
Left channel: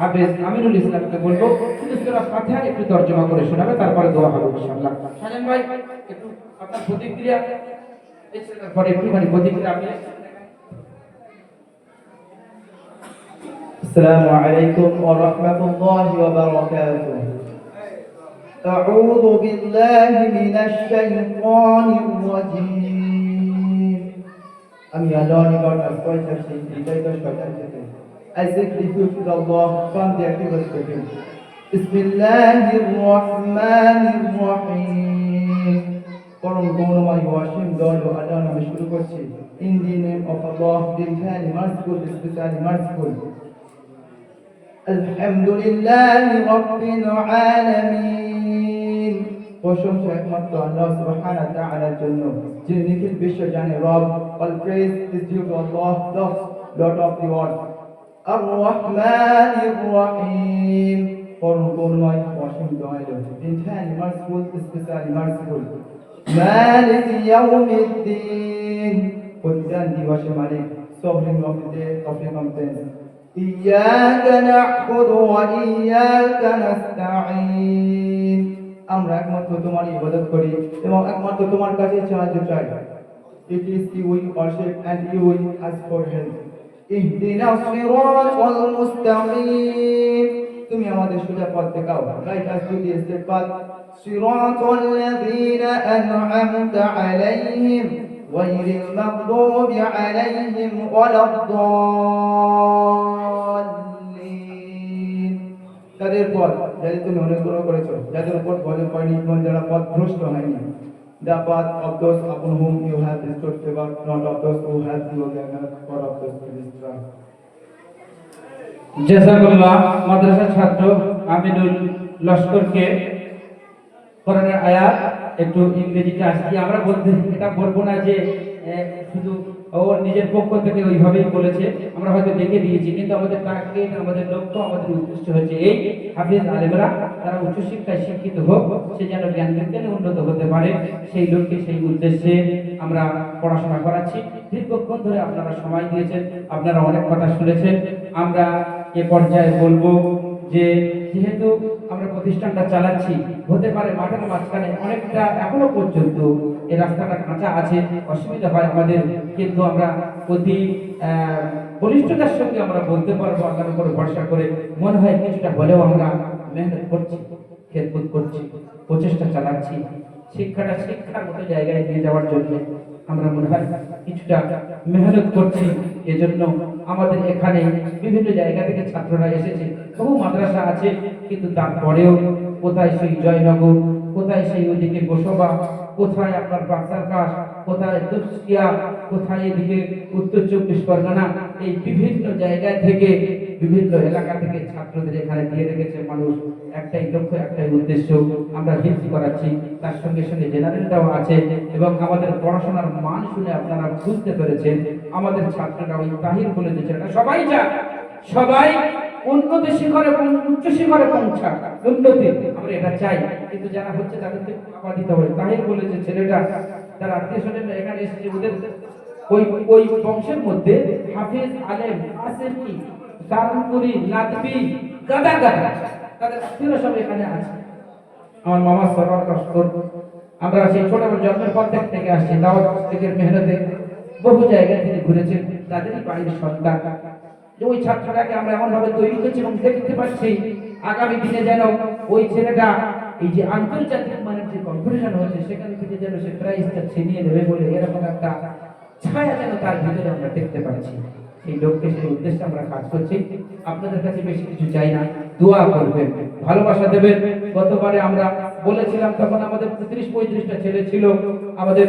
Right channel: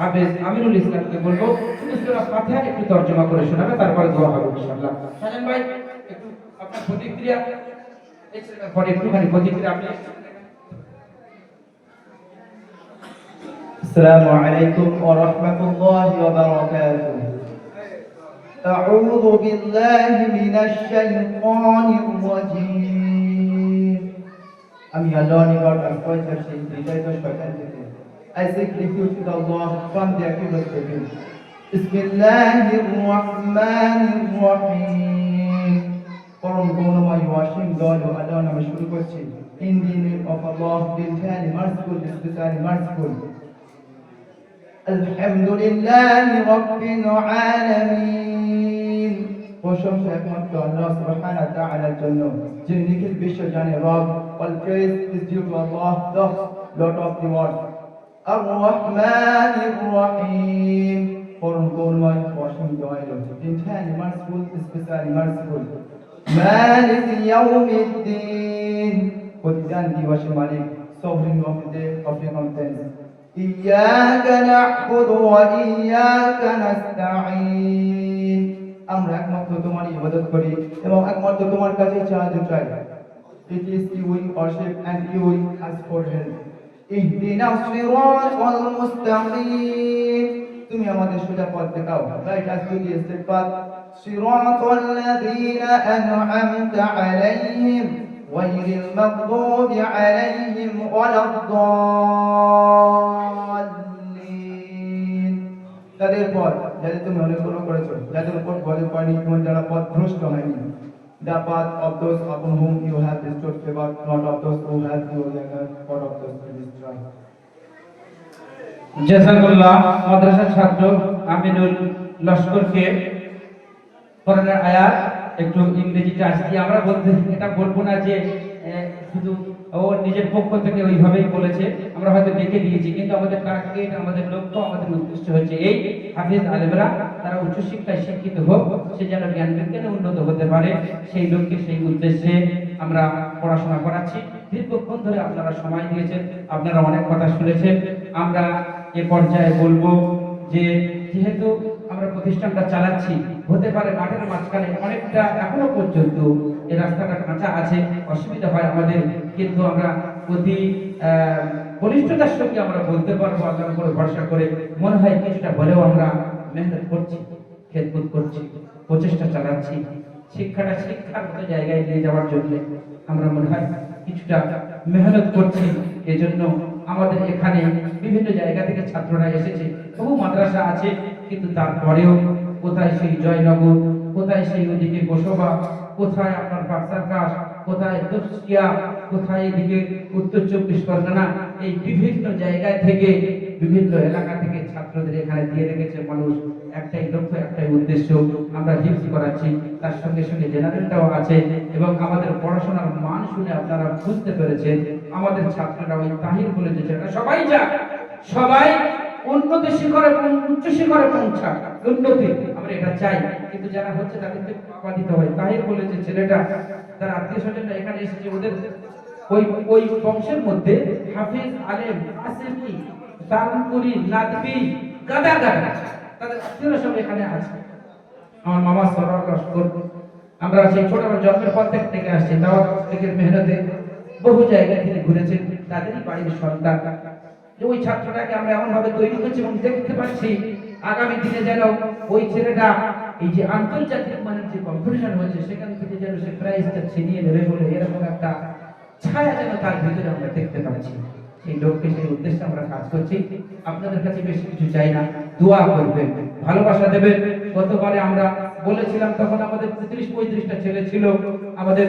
হাফেজ আমিনুল ইসলামকে বলবো শুধু সূরা ফাতিহা একটু তর্জমা করে শোনাবে, তারপরে দোয়া হবে ইনশাআল্লাহ। শাহিন ভাই একটু আপনার প্রতিক্রিয়া এই ছেলেটার পরে একটুখানি প্রতিক্রিয়া আপনি। السلام عليكم ورحمة الله وبركاته. أعوذ بالله من الشيطان الرجيم. আমি আল্লাহর নিকট আশ্রয় চাচ্ছি বিজয়িত শয়তান থেকে। I seek refuge with Allah from the evil spirit. বিসমিল্লাহির রহমানির রহিম। পরম করুণাময় ওয়াসিম দয়ালু আল্লাহর নামে শুরু করছি। In the name of Allah, the Very Merciful, especially merciful. Alhamdulillahi Rabbil Alamin. প্রশংসা একমাত্র আল্লাহ সুবহানাহু ওয়া তাআলার জন্য, যিনি নিখিল বিশ্ব জানে রব। All praise is due to Allah, the Lord of the world. Ar-Rahmanir Rahim. পরম করুণাময় অসীম দয়ালু, Very Merciful, especially merciful. Malik Yawmiddin. প্রতিদান দিবসের মালিক, sovereign of the day of recompense. إياك نعبد وإياك نستعين. আমরা একমাত্র তোমার ইবাদত করি এবং একমাত্র তোমার কাছে সাহায্য চাই। It is you we worship and you we ask for help. ইহদিনা সিরাতাল মুস্তাকিম. তুমি আমাদের সোজা পথ দেখাও, guide us to the straight path. সিরাতাল লাযীনা আন'আমতা আলাইহিম গায়রিল মাগদুবি আলাইহিম ওয়ালাদ-দাল্লিন। তাদের পথ যাদের তুমি অনুগ্রহ করেছো, যাদের উপর গজব করেনি এবং যারা পথভ্রষ্ট হয়নি। The path of those upon whom you have bestowed favor, not of those who have chosen the God of those who destroy. জাযাকাল্লাহ। মাদ্রাসার ছাত্র আমিনুল লস্করকে কোরআনের আয়াত একটু ইংরেজিতে আসছে। আমরা বলতে এটা বলবো না যে শুধু ওর নিজের পক্ষ থেকে ওইভাবেই বলেছে, আমরা হয়তো দেখে দিয়েছি, কিন্তু আমাদের টার্গেট, আমাদের লক্ষ্য, আমাদের উদ্দেশ্য হচ্ছে এই হাফেজ আলেমরা তারা উচ্চশিক্ষায় শিক্ষিত হোক, সে যেন জ্ঞান বিজ্ঞানে উন্নত হতে পারে, সেই লক্ষ্যে সেই উদ্দেশ্যে আমরা পড়াশোনা করাচ্ছি। দীর্ঘক্ষণ ধরে আপনারা সময় দিয়েছেন, আপনারা অনেক কথা শুনেছেন। আমরা এ পর্যায়ে বলবো যে যেহেতু আমরা প্রতিষ্ঠানটা চালাচ্ছি, হতে পারে মাঠের মাঝখানে অনেকটা এখনো পর্যন্ত এই রাস্তাটা কাঁচা আছে, অসুবিধা হয় আমাদের, কিন্তু আমরা অতি বলিষ্ঠতার সঙ্গে আমরা বলতে পারবো আল্লাহর উপর ভরসা করে, মনে হয় কিছুটা হলেও আমরা মেহনত করছি, খেদমত করছি, প্রচেষ্টা চালাচ্ছি শিক্ষাটা শিক্ষার মতো জায়গায় নিয়ে যাওয়ার জন্য। আমরা মনে হয় কিছুটা মেহনত করছি। এজন্য আমাদের এখানে বিভিন্ন জায়গা থেকে ছাত্ররা এসেছে, বহু মাদ্রাসা আছে, কিন্তু তারপরেও কোথায় সেই জয়নগর, কোথায় সেই ওদিকে গোসবা, কোথায় আপনার বাক্সারকাশ, কোথায় দুপসিয়া, কোথায় এদিকে উত্তর 24 পরগনা, এই বিভিন্ন জায়গা থেকে বিভিন্ন এলাকা থেকে ছাত্রদের এখানে দিয়ে রেখেছে মানুষ। একটাই লক্ষ্য, একটাই উদ্দেশ্য, আমরা হিফজ করাচ্ছি, তার সঙ্গে সঙ্গে জেনারেলটাও আছে। এবং আমাদের পড়াশোনার মান শুনে আপনারা বুঝতে পেরেছেন আমাদের ছাত্ররা ওই তাহির বলে যে ছেলেটা সবাই যাক, সবাই উন্নতি শিখরে, উচ্চ শিখরে পৌঁছাক, উন্নতি আমরা এটা চাই, কিন্তু যারা হচ্ছে তাদেরকে আবাদিত হয়। তাহির বলে যে ছেলেটা, তার আত্মীয় স্বজনরা এখানে এসেছে, ওদের ওই বংশের মধ্যে হাফিজ, আলেম, আসেমি, দারুনপুরি, নাদবি, গাদা গাদা তাদের আত্মীয়রা সব এখানে আছে। আমার মামা সরকার লস্কর, আমরা সেই ছোট জন্মের পর থেকে আসছি, দাওয়াত থেকে মেহনতে বহু জায়গা থেকে ঘুরেছেন, তাদেরই বাড়ির সন্তান। যে ওই ছাত্রটাকে আমরা এমন ভাবে তৈরি করছি এবং দেখতে পাচ্ছি আগামী দিনে যেন ওই ছেলেটা এই যে আন্তর্জাতিক মানের যে কম্পিটিশন হচ্ছে সেখান থেকে যেন সে প্রাইজটা ছিনিয়ে নেবে বলে এরকম একটা ছায়া যেন তার ভিতরে আমরা দেখতে পাচ্ছি। সেই লক্ষ্যে সেই উদ্দেশ্যে আমরা কাজ করছি। আপনাদের কাছে বেশি কিছু চাই না, দোয়া করবেন, ভালোবাসা দেবেন। গতবারে আমরা বলেছিলাম তখন আমাদের 35-35টা ছেলে ছিল, আমাদের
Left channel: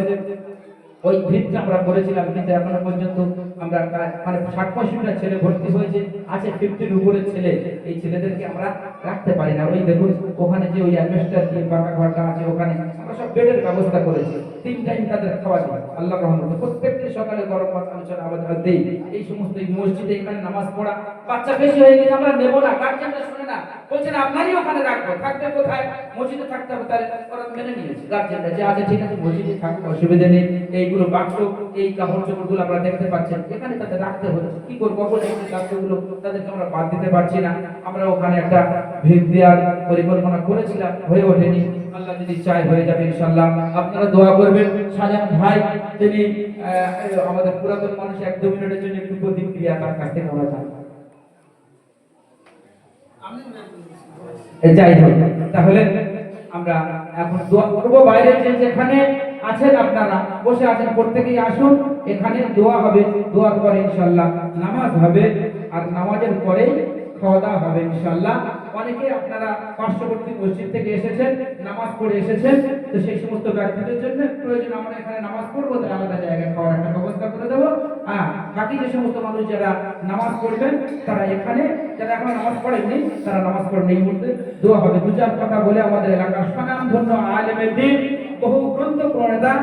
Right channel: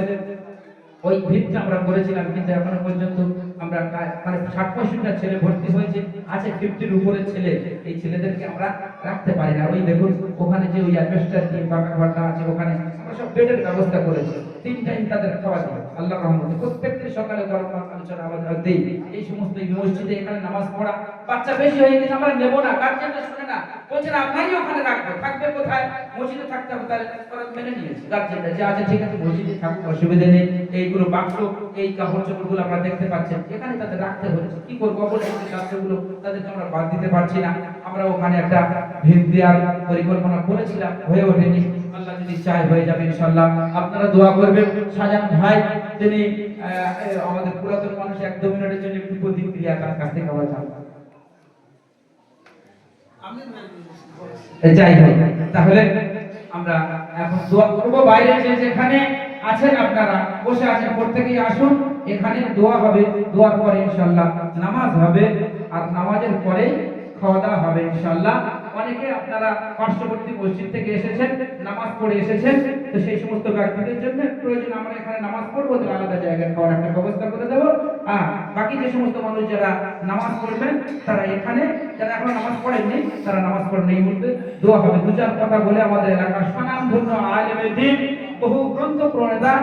ওই ভিড়টা আমরা করেছিলাম, কিন্তু এখনো পর্যন্ত আমরা মানে 60-65টা ছেলে ভর্তি হয়েছে, আছে 50-র উপরে ছেলে। এই ছেলেদেরকে আমরা রাখতে পারি না। ওই দেখুন ওখানে যে ওই অ্যাডভেস্টার দিয়ে ফাঁকা ঘরটা আছে, ওখানে আমরা সব বেডের ব্যবস্থা করেছি। 3 টাইম তাদের খাওয়া দিই আল্লাহর রহমতে। প্রত্যেকটি সকালে গরম আলোচনা আমাদের দেই। এই সমস্ত এই মসজিদে এখানে নামাজ পড়া, বাচ্চা বেশি হয়ে গেছে আমরা নেব না, গার্জেনরা শুনে না, বলছে না আপনারই ওখানে রাখবো। থাকবে কোথায়? মসজিদে থাকতে হবে। তাহলে ওরা মেনে নিয়েছে গার্জেনরা যে আচ্ছা ঠিক আছে মসজিদে থাকতে অসুবিধা নেই। এইগুলো বাক্স, এই কাপড় চোপড়গুলো আপনারা দেখতে পাচ্ছেন, এখানে তাদের রাখতে হচ্ছে। কি করবো বলে এই কাজগুলো তাদেরকে আমরা বাদ দিতে পারছি না। আমরা ওখানে একটা ভিড় দেওয়ার পরিকল্পনা করেছিলাম, হয়ে ওঠেনি। আল্লাহ যদি চায় হয়ে যাবে ইনশাআল্লাহ। আপনারা দোয়া করবেন। শাহজাহান ভাই তিনি আমাদের পুরাতন মানুষ, 1-2 মিনিটের জন্য একটু প্রতিক্রিয়া তার কাছ থেকে আমরা জানবো। যাই হোক, তাহলে আমরা এখন দোয়া করবো। বাইরে যে যেখানে আছেন আপনারা বসে আছেন, প্রত্যেকেই আসুন, এখানে দোয়া হবে। দোয়ার পরে ইনশাআল্লাহ নামাজ হবে, আর নামাজের পরে খাওয়া দাওয়া হবে ইনশাআল্লাহ। অনেকে আপনারা পার্শ্ববর্তী মসজিদ থেকে এসেছেন, নামাজ পড়ে এসেছেন, তো সেই সমস্ত ব্যক্তিদের জন্য প্রয়োজন আমরা এখানে নামাজ পড়বো, তাহলে আলাদা জায়গায় খাওয়ার একটা ব্যবস্থা করে দেবো। বাকি যে সমস্ত মানুষ যারা নামাজ পড়বেন তারা এখানে, যারা এখন নামাজ পড়েননি তারা নামাজ পড়েন। এই মুহূর্তে দোয়া হবে। 2-4 কথা বলে আমাদের এলাকার স্বনামধন্য আলেমে দ্বীন, বহু গ্রন্থ প্রণেতা,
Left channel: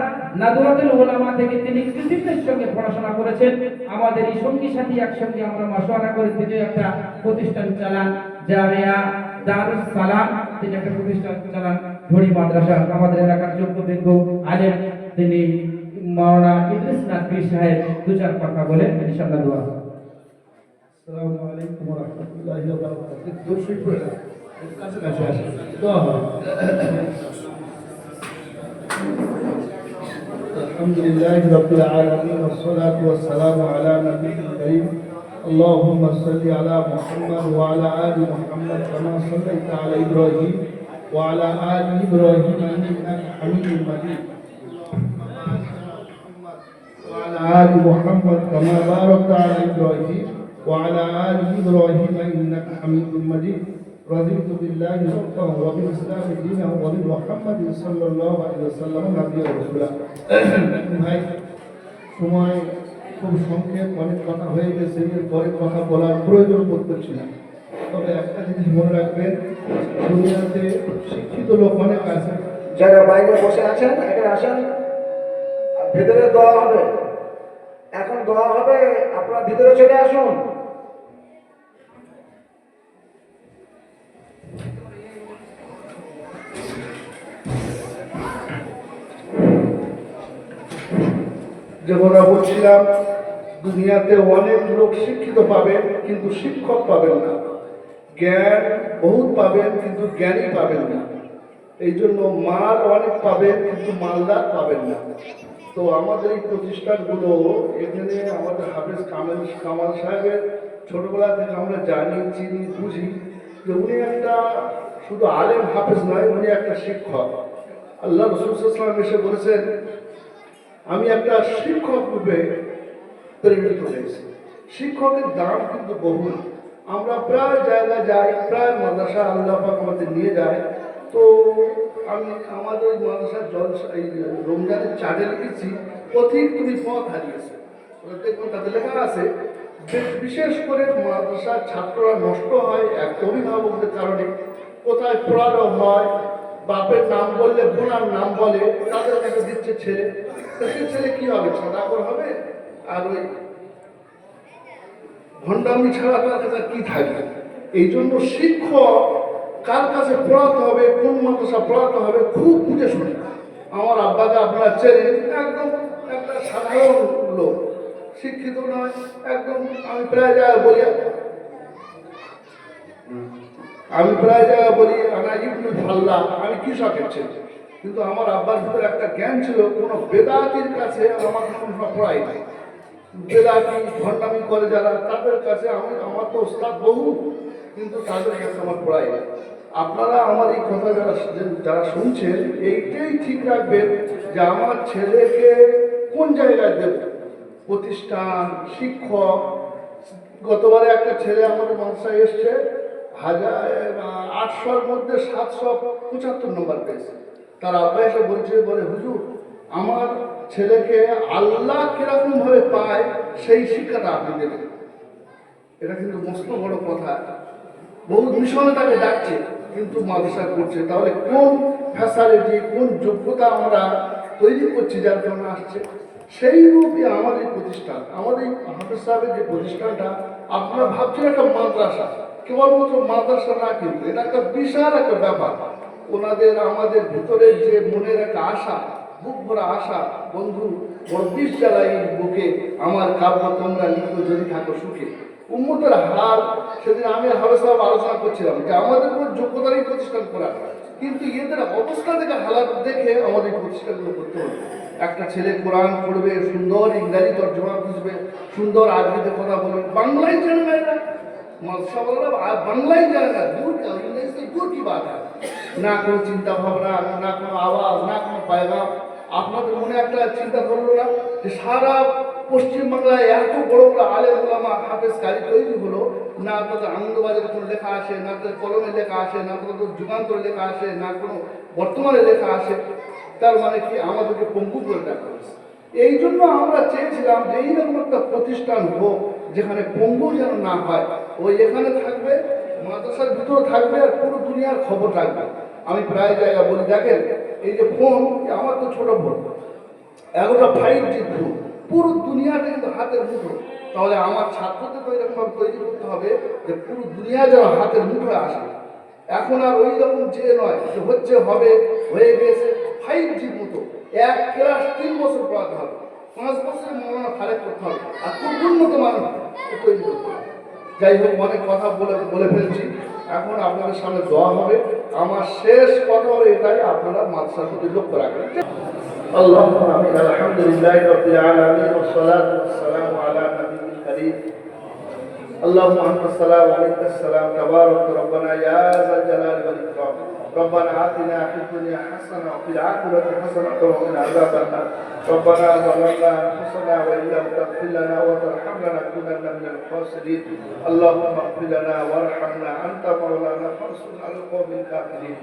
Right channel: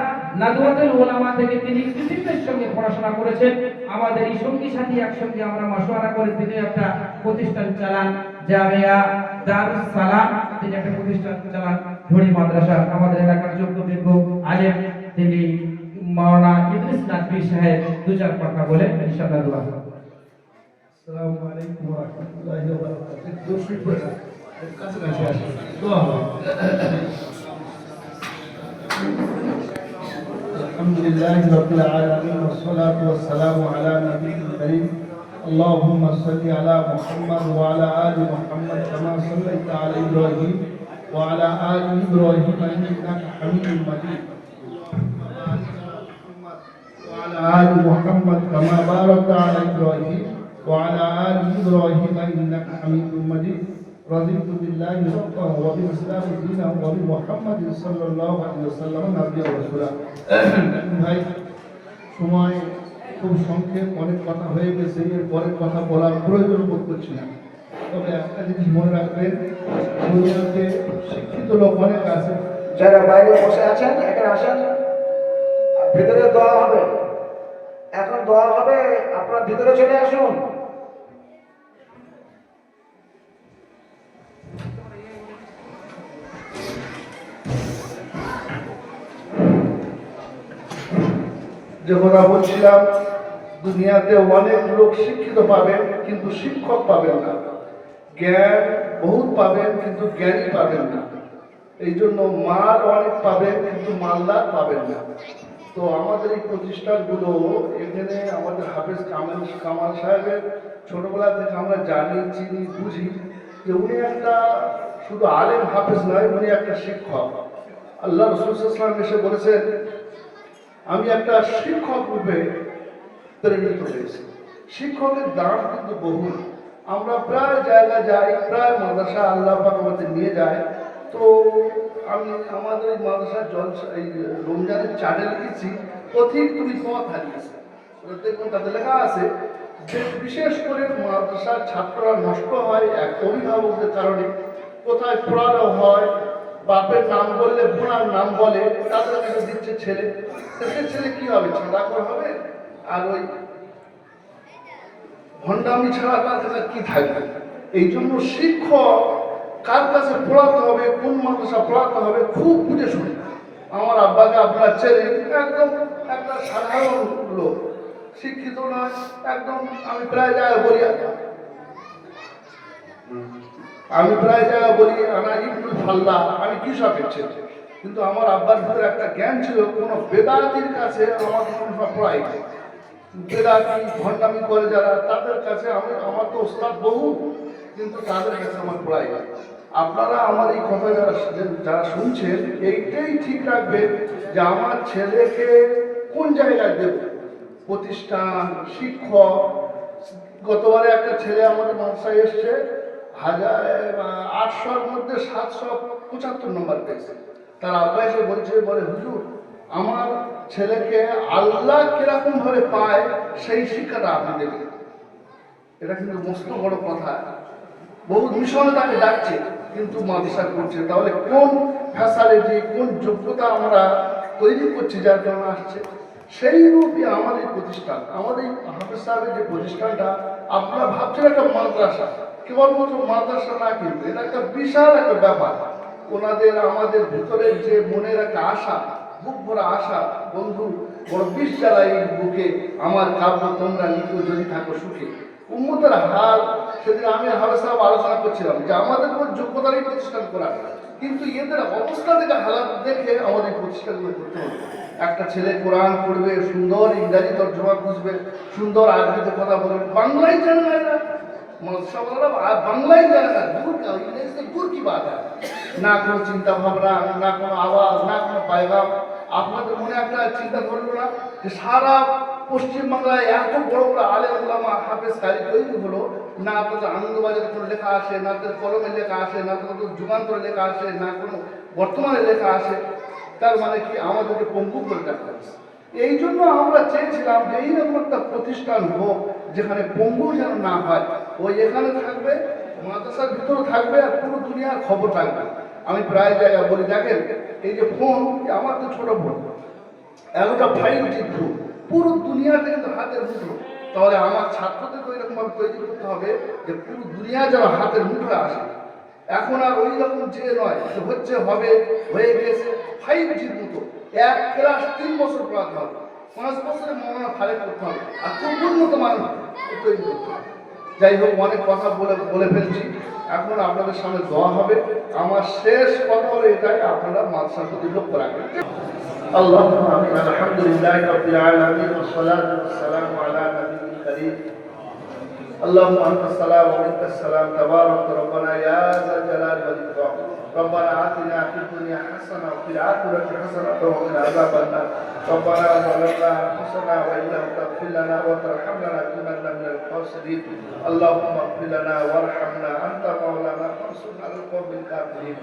নাদওয়াতুল উলামা থেকে তিনি কৃতিত্বের সঙ্গে পড়াশোনা করেছেন। আমাদের এই সঙ্গী সাথী একসঙ্গে আমরা মাশওয়ারা করে তিনি একটা প্রতিষ্ঠান চালান, জামিয়া দারুস সালাম, তিনি একটা প্রতিষ্ঠান চালান, ধরি মাদ্রাসা। আমাদের এলাকার যোগ্য আলেম তিনি মাওলানা ইদ্রিস নাকভি সাহেব 2-4 কথা বলে ইনশাআল্লাহ দোয়া হবে। আসসালামু আলাইকুম ওয়া রাহমাতুল্লাহি ওয়া বারাকাতুহু। দর্শক বন্ধুরা, কাছে আসুন, দোয়া হবে। আলহামদুলিল্লাহি রাব্বিল আলামিন ওয়াস সালাতু ওয়াস সালামু আলা নবিয়িল কারীম। اللهم صل على محمد وعلى آل محمد كما صليت على إبراهيم وعلى آل إبراهيم إنك حميد مجيد. وعلى آل محمد كما باركت على إبراهيم وعلى آل إبراهيم إنك حميد مجيد. رضيت بالله ربا وبالإسلام دينا وبمحمد صلى الله عليه وسلم نبيا ورسولا. ভাই, সময় খুব সংক্ষেপ, অনেক কথা হয়ে গেছে, পরে কথা বলার প্রয়োজন বোধ করছি না। তবে একটা জিনিস মনে রাখবেন, দুনিয়াতে শিক্ষিত লোক অনেক আছে। যারা বাইরে বসে আছেন এখানে আসেন, ভিতরে দোয়া হবে। এখন দোয়া হবে, আপনার ভিতরে চলে আসুন। যে কথা বলছিলাম, দুনিয়াতে অনেক লোক শিক্ষিত পাবেন কিন্তু শিক্ষক পাবেন না, জ্ঞান বহুত পাবেন কিন্তু জ্ঞানী পাবেন না। এই জন্য মাল অনেক পাবেন কিন্তু মালদার পাবেন না। তো আমাদের এই প্রতিষ্ঠানগুলো, এখানে আমাদের হাফেজ কামাল সাহেবের ছোটবেলা থেকে আমরা জানি, চিনি, বুঝি যে উনি একটা শুধু আলেম হাফেজ নয়, উনি একটা শিক্ষক। আল্লাহ রাসূল সাল্লাল্লাহু আলাইহি ওয়াসাল্লাম এসে বলেছেন, আমি একটা শিক্ষক রূপে প্রেরিত হয়েছি। শিক্ষকের দাম কিন্তু বহু। আমরা প্রায় জায়গায় যাই, প্রায় মাদ্রাসা আল্লাহ পাক আমাদের নিয়ে যায়। তো আমি আমাদের এই মাদ্রাসার জলসা, এই রমজানের চার্টে লিখেছি, পথিক তুমি পথ হারিয়েছে। দেখুন তাতে লেখা আছে যে বিশেষ করে মাদ্রাসার ছাত্ররা নষ্ট হয় এক অভিভাবকদের কারণে। কোথায় পড়ানো হয়, বাপের নাম বললে বোনার নাম বলে, তাদের কাছে দিচ্ছে ছেলে। সে ছেলে কি হবে? ছাড়াকর হবে। আর ওই ভণ্ডামি ছাড়া তার কাছে কি থাকবে? এই জন্য শিক্ষক কার কাছে পড়াতে হবে, কোন মাদ্রাসা পড়াতে হবে, খুব বুঝে শুনে। আমার আব্বাকে আপনারা চেনেন, একদম একটা সাধারণ লোক, শিক্ষিত নয় একদম। আমি প্রায় জায়গায় বলি আনা ইবনুল ফাল্লাহ, আমি কৃষকের ছেলে। কিন্তু আমার আব্বার ভিতরে একটা জ্ঞান ছিল, কোনো বেদাতির কাছে আমাকে কোনো সময় পড়াইনি। বেদাতি ভণ্ডামি করে যারা, তাদের কাছে আমার তো ওস্তাদ বহু, কিন্তু তাদের কাছে আমার পড়াই না। আপনারা আমার এই কথা যারা শুনছেন, এইটাই ঠিক রাখবেন যে আমার ছেলেকে কোন জায়গায় দেব, প্রতিষ্ঠান, শিক্ষক। গতবারে একটা ছেলে আমাদের মাদ্রাসায় এসছে, 800-র মধ্যে 775 নম্বর পেয়েছে। তার আব্বা এসে বলছে, বলে হুজুর আমার ছেলেকে আল্লাহ কিরকম ভাবে পায় সেই শিক্ষাটা আপনি দেবেন। এটা কিন্তু মস্ত বড় কথা। বহু মিশনে তাকে ডাকছে, কিন্তু মাদ্রাসা করছে। তাহলে কোন ফ্যাসিলিটি, কোন যোগ্যতা আমরা তৈরি করছি যার কারণে আসছে? সেই রূপে আমাদের প্রতিষ্ঠান, আমাদের হাফেজ সাহেবের যে প্রতিষ্ঠানটা, আপনারা ভাবছেন একটা মাদ্রাসা, কেবলমাত্র মাদ্রাসা না, কিন্তু এটা একটা বিশাল একটা ব্যাপার। ওনাদের আমাদের ভিতরে যে মনের একটা আশা, বুক ভরা আশা, বন্ধু বড় বিষ জ্বালাই বুকে আমার কাব্য তোমরা নিত্য যদি থাকো সুখে। উম্মতের হাল, সেদিন আমি হাফেজ সাহেব আলোচনা করছিলাম যে আমাদের কোনো যোগ্যতা নেই প্রতিষ্ঠান করার, কিন্তু এদের অবস্থা থেকে হালাত দেখে আমাদের প্রতিষ্ঠানগুলো করতে হবে। একটা ছেলে কোরআন পড়বে, সুন্দর ইংরাজি তর্জমা বুঝবে, সুন্দর আরবিতে কথা বলবে, বাংলাই জানে না। এরা মাদ্রাসাওয়ালারা বাংলাই জানে না, দূর ইংরেজিতে দূর কি বাত, না কোনো চিন্তা ভাবনা, না কোনো আওয়াজ, না কোনো পায়গাম। আপনাদের মনে একটা চিন্তা করবো না যে সারা পশ্চিমবাংলায় এত বড় বড় আলেম ওলামা হাফেজ কারি তৈরি হলো, না তাদের আনন্দবাজারে কোনো লেখা আসে, না তাদের কলমে লেখা আসে, না তাদের যুগান্তরে লেখা আসে, না কোনো বর্তমানে লেখা আসে। তার মানে কি আমাদেরকে পঙ্গু করে দেখা হয়েছে। এই জন্য আমরা চেয়েছিলাম যে এইরকম একটা প্রতিষ্ঠান হোক যেখানে পঙ্গু যেন না হয়। ওই এখানে থাকবে, মাদ্রাসার ভিতরে থাকবে, আর পুরো দুনিয়ার খবর থাকবে। আমি প্রায় জায়গা বলি, দেখেন এই যে ফোন, আমার তো ছোট ফোন, এতটা 5G ফোন, পুরো দুনিয়াটা কিন্তু হাতের মুঠো। তাহলে আমার ছাত্রদেরকে এরকমভাবে তৈরি করতে হবে যে পুরো দুনিয়া যেন হাতের মুঠোয় আসে। এখন আর ওই রকম যে নয়, হচ্ছে হবে, হয়ে গেছে 5Gর মতো। এক ক্লাস 3 বছর পড়াতে হবে, 5 বছরে মৌলানা ফারেক করতে হবে, আর খুব উন্নত মানের তৈরি করতে হবে। যাই হোক, অনেক কথা বলে ফেলছি। এখন আপনাদের সামনে দোয়া হবে। আমার শেষ কথা হলো এটাই, আপনারা মাদ্রাসার প্রতি লক্ষ্য রাখবেন। আল্লাহুম্মা আলহামদুলিল্লাহি রাব্বিল আলামিন ওয়া সলাতু ওয়াস সালামু আলা নাবিয়িল কারীম। اللهم انت السلام ومنك السلام تبارك ربنا يا ذا الجلال والاكرام. ربنا آتنا في الدنيا حسنة وفي الآخرة حسنة وقنا عذاب النار. ربنا ظلمنا أنفسنا وإن لم تغفر لنا وترحمنا لنكونن من الخاسرين. اللهم اغفر لنا وارحمنا أنت مولانا فانصرنا على القوم الكافرين.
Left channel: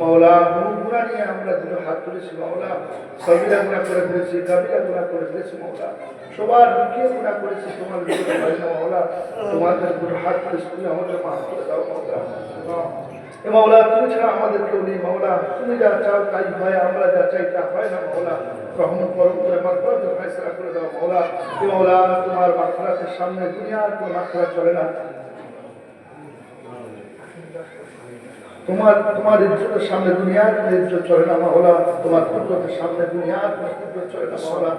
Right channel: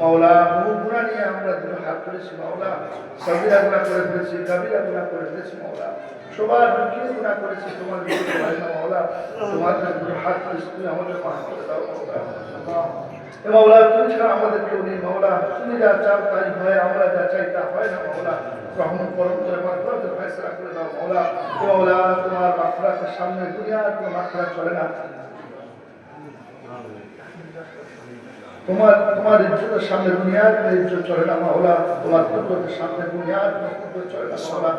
مولا গুনাহ নিয়ে আমরা দুটো হাত তুলেছি মাওলা, সগীরা গুনাহ করে ফেলেছি, কাবিরা গুনাহ করে ফেলেছি মাওলা, সবার লুকিয়ে গুনাহ করেছি, তোমার মাওলা তোমাদের দুটো হাত তুলেছি, তুমি আমাদের মাফ করে দাও মাওলা। মাওলা তুমি ছাড়া আমাদের কেউ নেই মাওলা, তুমি যা চাও তাই হয়, আমরা যা চাই তা হয় না মাওলা। রহমত করম করে মাগফিরাতের ফয়সালা করে দাও মাওলা। মাওলা তোমার মাগফিরাতের সামনে দুনিয়ার কোনো মাগফিরাত চলে না, তোমার ইজ্জতের সামনে দুনিয়ার কোনো ইজ্জত চলে না মাওলা, তোমার কুদরতের সামনে দুনিয়ার কোনো কুদরত চলে না মাওলা।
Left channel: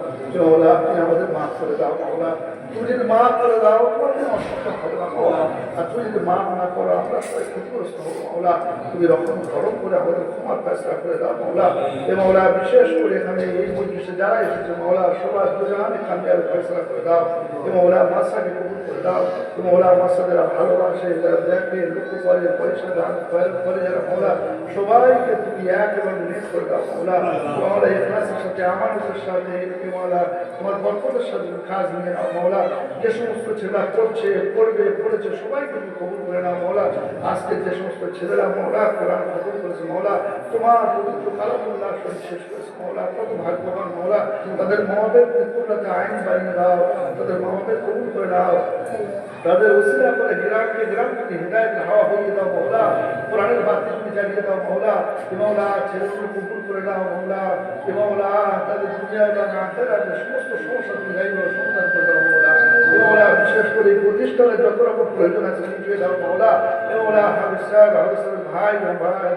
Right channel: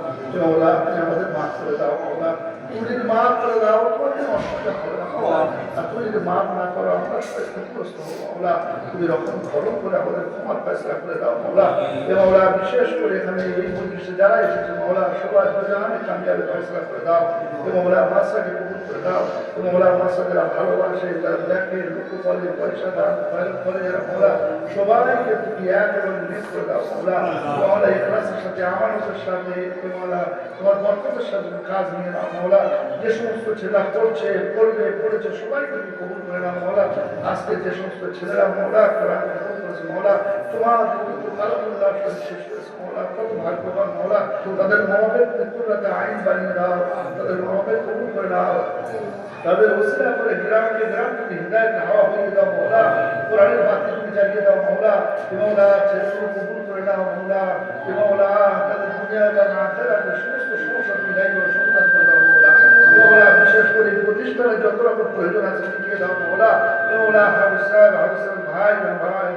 মাওলা তুমি আমাদের মাফ করে দাও মাওলা, তুমি যদি মাফ করে দাও তোমার কোনো অসুবিধা হবে না মাওলা। আর তুমি যদি মাফ না করো আমরা সবাই ক্ষতিগ্রস্ত হবো মাওলা। তুমি রকম গরম করে আমাদের ক্ষমার ফয়সালা করে দাও মাওলা। মাওলা বিশেষ করে এখানে এই মজলিসে যারা এসেছে মাওলা, সবার দুজনে কামিয়াবি ফয়সালা করে দাও। মাওলা মাসাকে কবুল করে দাও। মাওলা মাসা যারা ভালোবাসে, যারা দেখে, লোক বলে, পয়সা দান করে মাওলা, সবাইকে তুমি এক এবং মিস করে দাও মাওলা। মাওলা ইখলাসের সাথে, আমানতের সাথে মাওলা, তোমার বরকতের সাথে কাজ নিয়ে নাও মাওলা। যে সমস্ত ছেলেরা পড়ছে, পড়েছে সবাইকে তুমি কবুল করে নাও মাওলা। আজকে যে সমস্ত ছেলেরা মাওলা কোরআন কবুল করেছে মাওলা, তোমার পবিত্র কালামুল্লাহ শেষ করেছে মাওলা, কত ভাগ্যবান মাওলা। তাদের মহাবের মৃত্যুটাকে আইন বানিয়ে দাও, তাদের মহাবের কবুল করে নাও, তাদের ওসিলা করে গ্রাম থেকে হিদায়াতের হাওয়া হয়ে দাও মাওলা। কোরআনের বাতি তুমি জ্বালিয়ে দাও মাওলা। মাওলা ছেলেগুলো কবুল করে নাও মাওলা। মাওলা তাদের দুনিয়াটা না আখিরাতের সমস্ত সমস্যা তুমি সমাধান করে দাও মাওলা। মাওলা বিশেষ করে প্রতিষ্ঠানে যত রকম প্রয়োজন আছে মিটিয়ে দাও মাওলা। মাওলা হাবিসার ভাই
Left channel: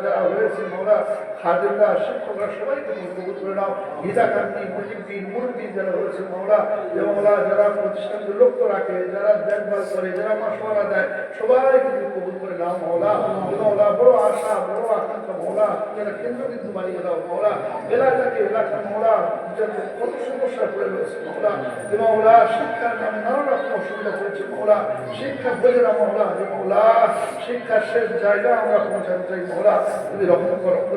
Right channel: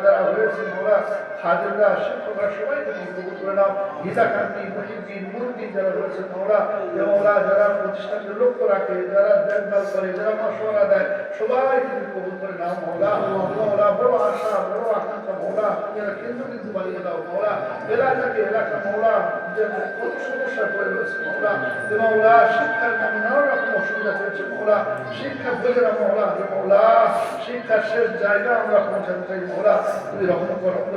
যারা হয়েছে মাওলা, খাদিমরা, শিক্ষকরা সবাইকে তুমি কবুল করে নাও। হিতাকান্তি, মুজিবদ্দিন, মুরব্বী যারা রয়েছে মাওলা, মাওলা যারা প্রতিষ্ঠানকে লক্ষ্য রাখে, যারা দেখভাল করে, যারা মশওয়ারা দেয়, সবাইকে তুমি কবুল করে নাও মাওলা। মাওলা বড় আশা, বড় আকাঙ্ক্ষা মাওলা, যারা কেন্দ্রবিন্দু বানিয়ে দাও মাওলা। এলাকা মাওলা যাতে কত সমস্যা পড়ে রয়েছে মৌলা যে মৌলা শিক্ষার নামে নানা রকম অসুবিধা হয়েছে মৌলা শিক্ষা বোঝে না মৌলা যে মৌলা শিক্ষার শেষ জায়গা আমরা পৌঁছাতে চাই মৌলা যদি রকম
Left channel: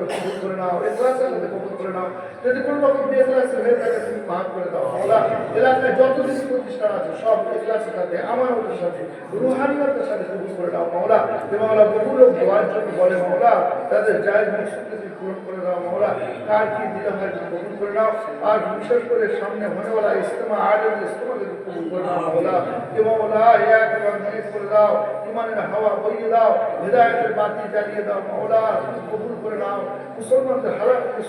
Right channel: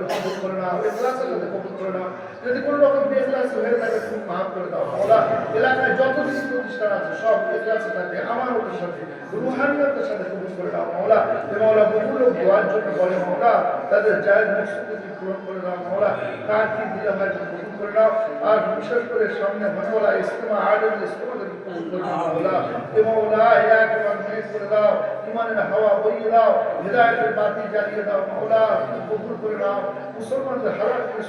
কবুল করে নাও এখলাসের সাথে কবুল করে নাও যদি কোনো রকম বেখলাস হয়ে থাকে তুমি মাফ করে দাও মৌলা এলাকায় যত কিছু প্রতিষ্ঠান আছে সব এখলাসের সাথে আমার ওদের সাথে রুহানিয়তের সাথে কবুল করে দাও মৌলা যে মৌলা বহু লোক দোয়ার জন্য বলে মৌলা তাদের জায়েজ মকসুদকে তুমি পূরণ করে দাও মৌলা কার কি দিলে হয় তুমি কবুল করে দাও আর বিশেষ করে সামনে হনেওয়ালা ইস্তেমা আলেম ইস্তেমাকে তুমি কবুল করে দাও মৌলা যে মৌলা এক মেঘ করে দাও ইমানের হাওয়া বইয়ে দাও হৃদায়তের বাতি জ্বালিয়ে দাও মৌলা তুমি কবুল করে দাও মুসলমানদের হারাতকে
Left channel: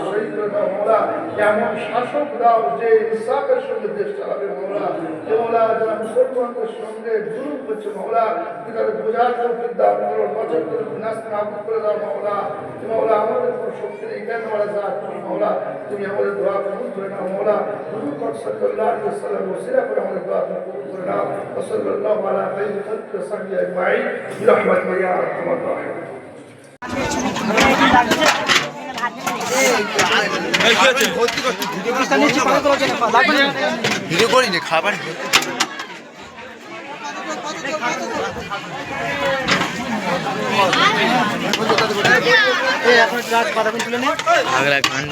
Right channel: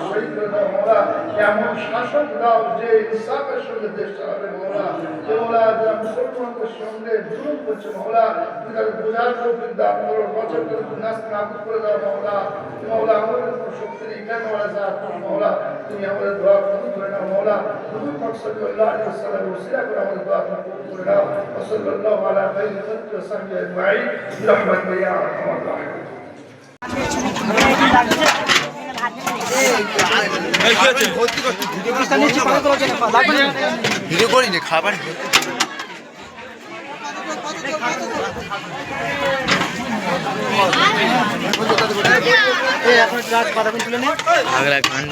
শহীদ করে দাও মৌলা এমন শাসক দাও যে ইনসাফের সঙ্গে দেশ চালাবে মৌলা যে মৌলা যারা মুসলমানদের সঙ্গে জুলুম করছে মৌলা তুমি তাদের বোঝার তৌফিক দাও করো বছর করে নাস্ত নাবুদ করে দাও মৌলা যে মৌলা আমাদের কোনো শক্তি নেই কেন যা তুমি মৌলা তুমি আমাদের দোয়া কবুল করে নাও মৌলা হুজুর পাক সাল্লাল্লাহু আলাইহি ওয়াসাল্লাম ওসিলা করে আমাদের দোয়া কবুল করে নাও সাল্লাল্লাহু আলা খাইরি খালকি ওয়া সাহবিহি আজমাইন বিরহমাতিকা ইয়া আরহামার রাহিমিন ভিডিও করিনি খাবার এখন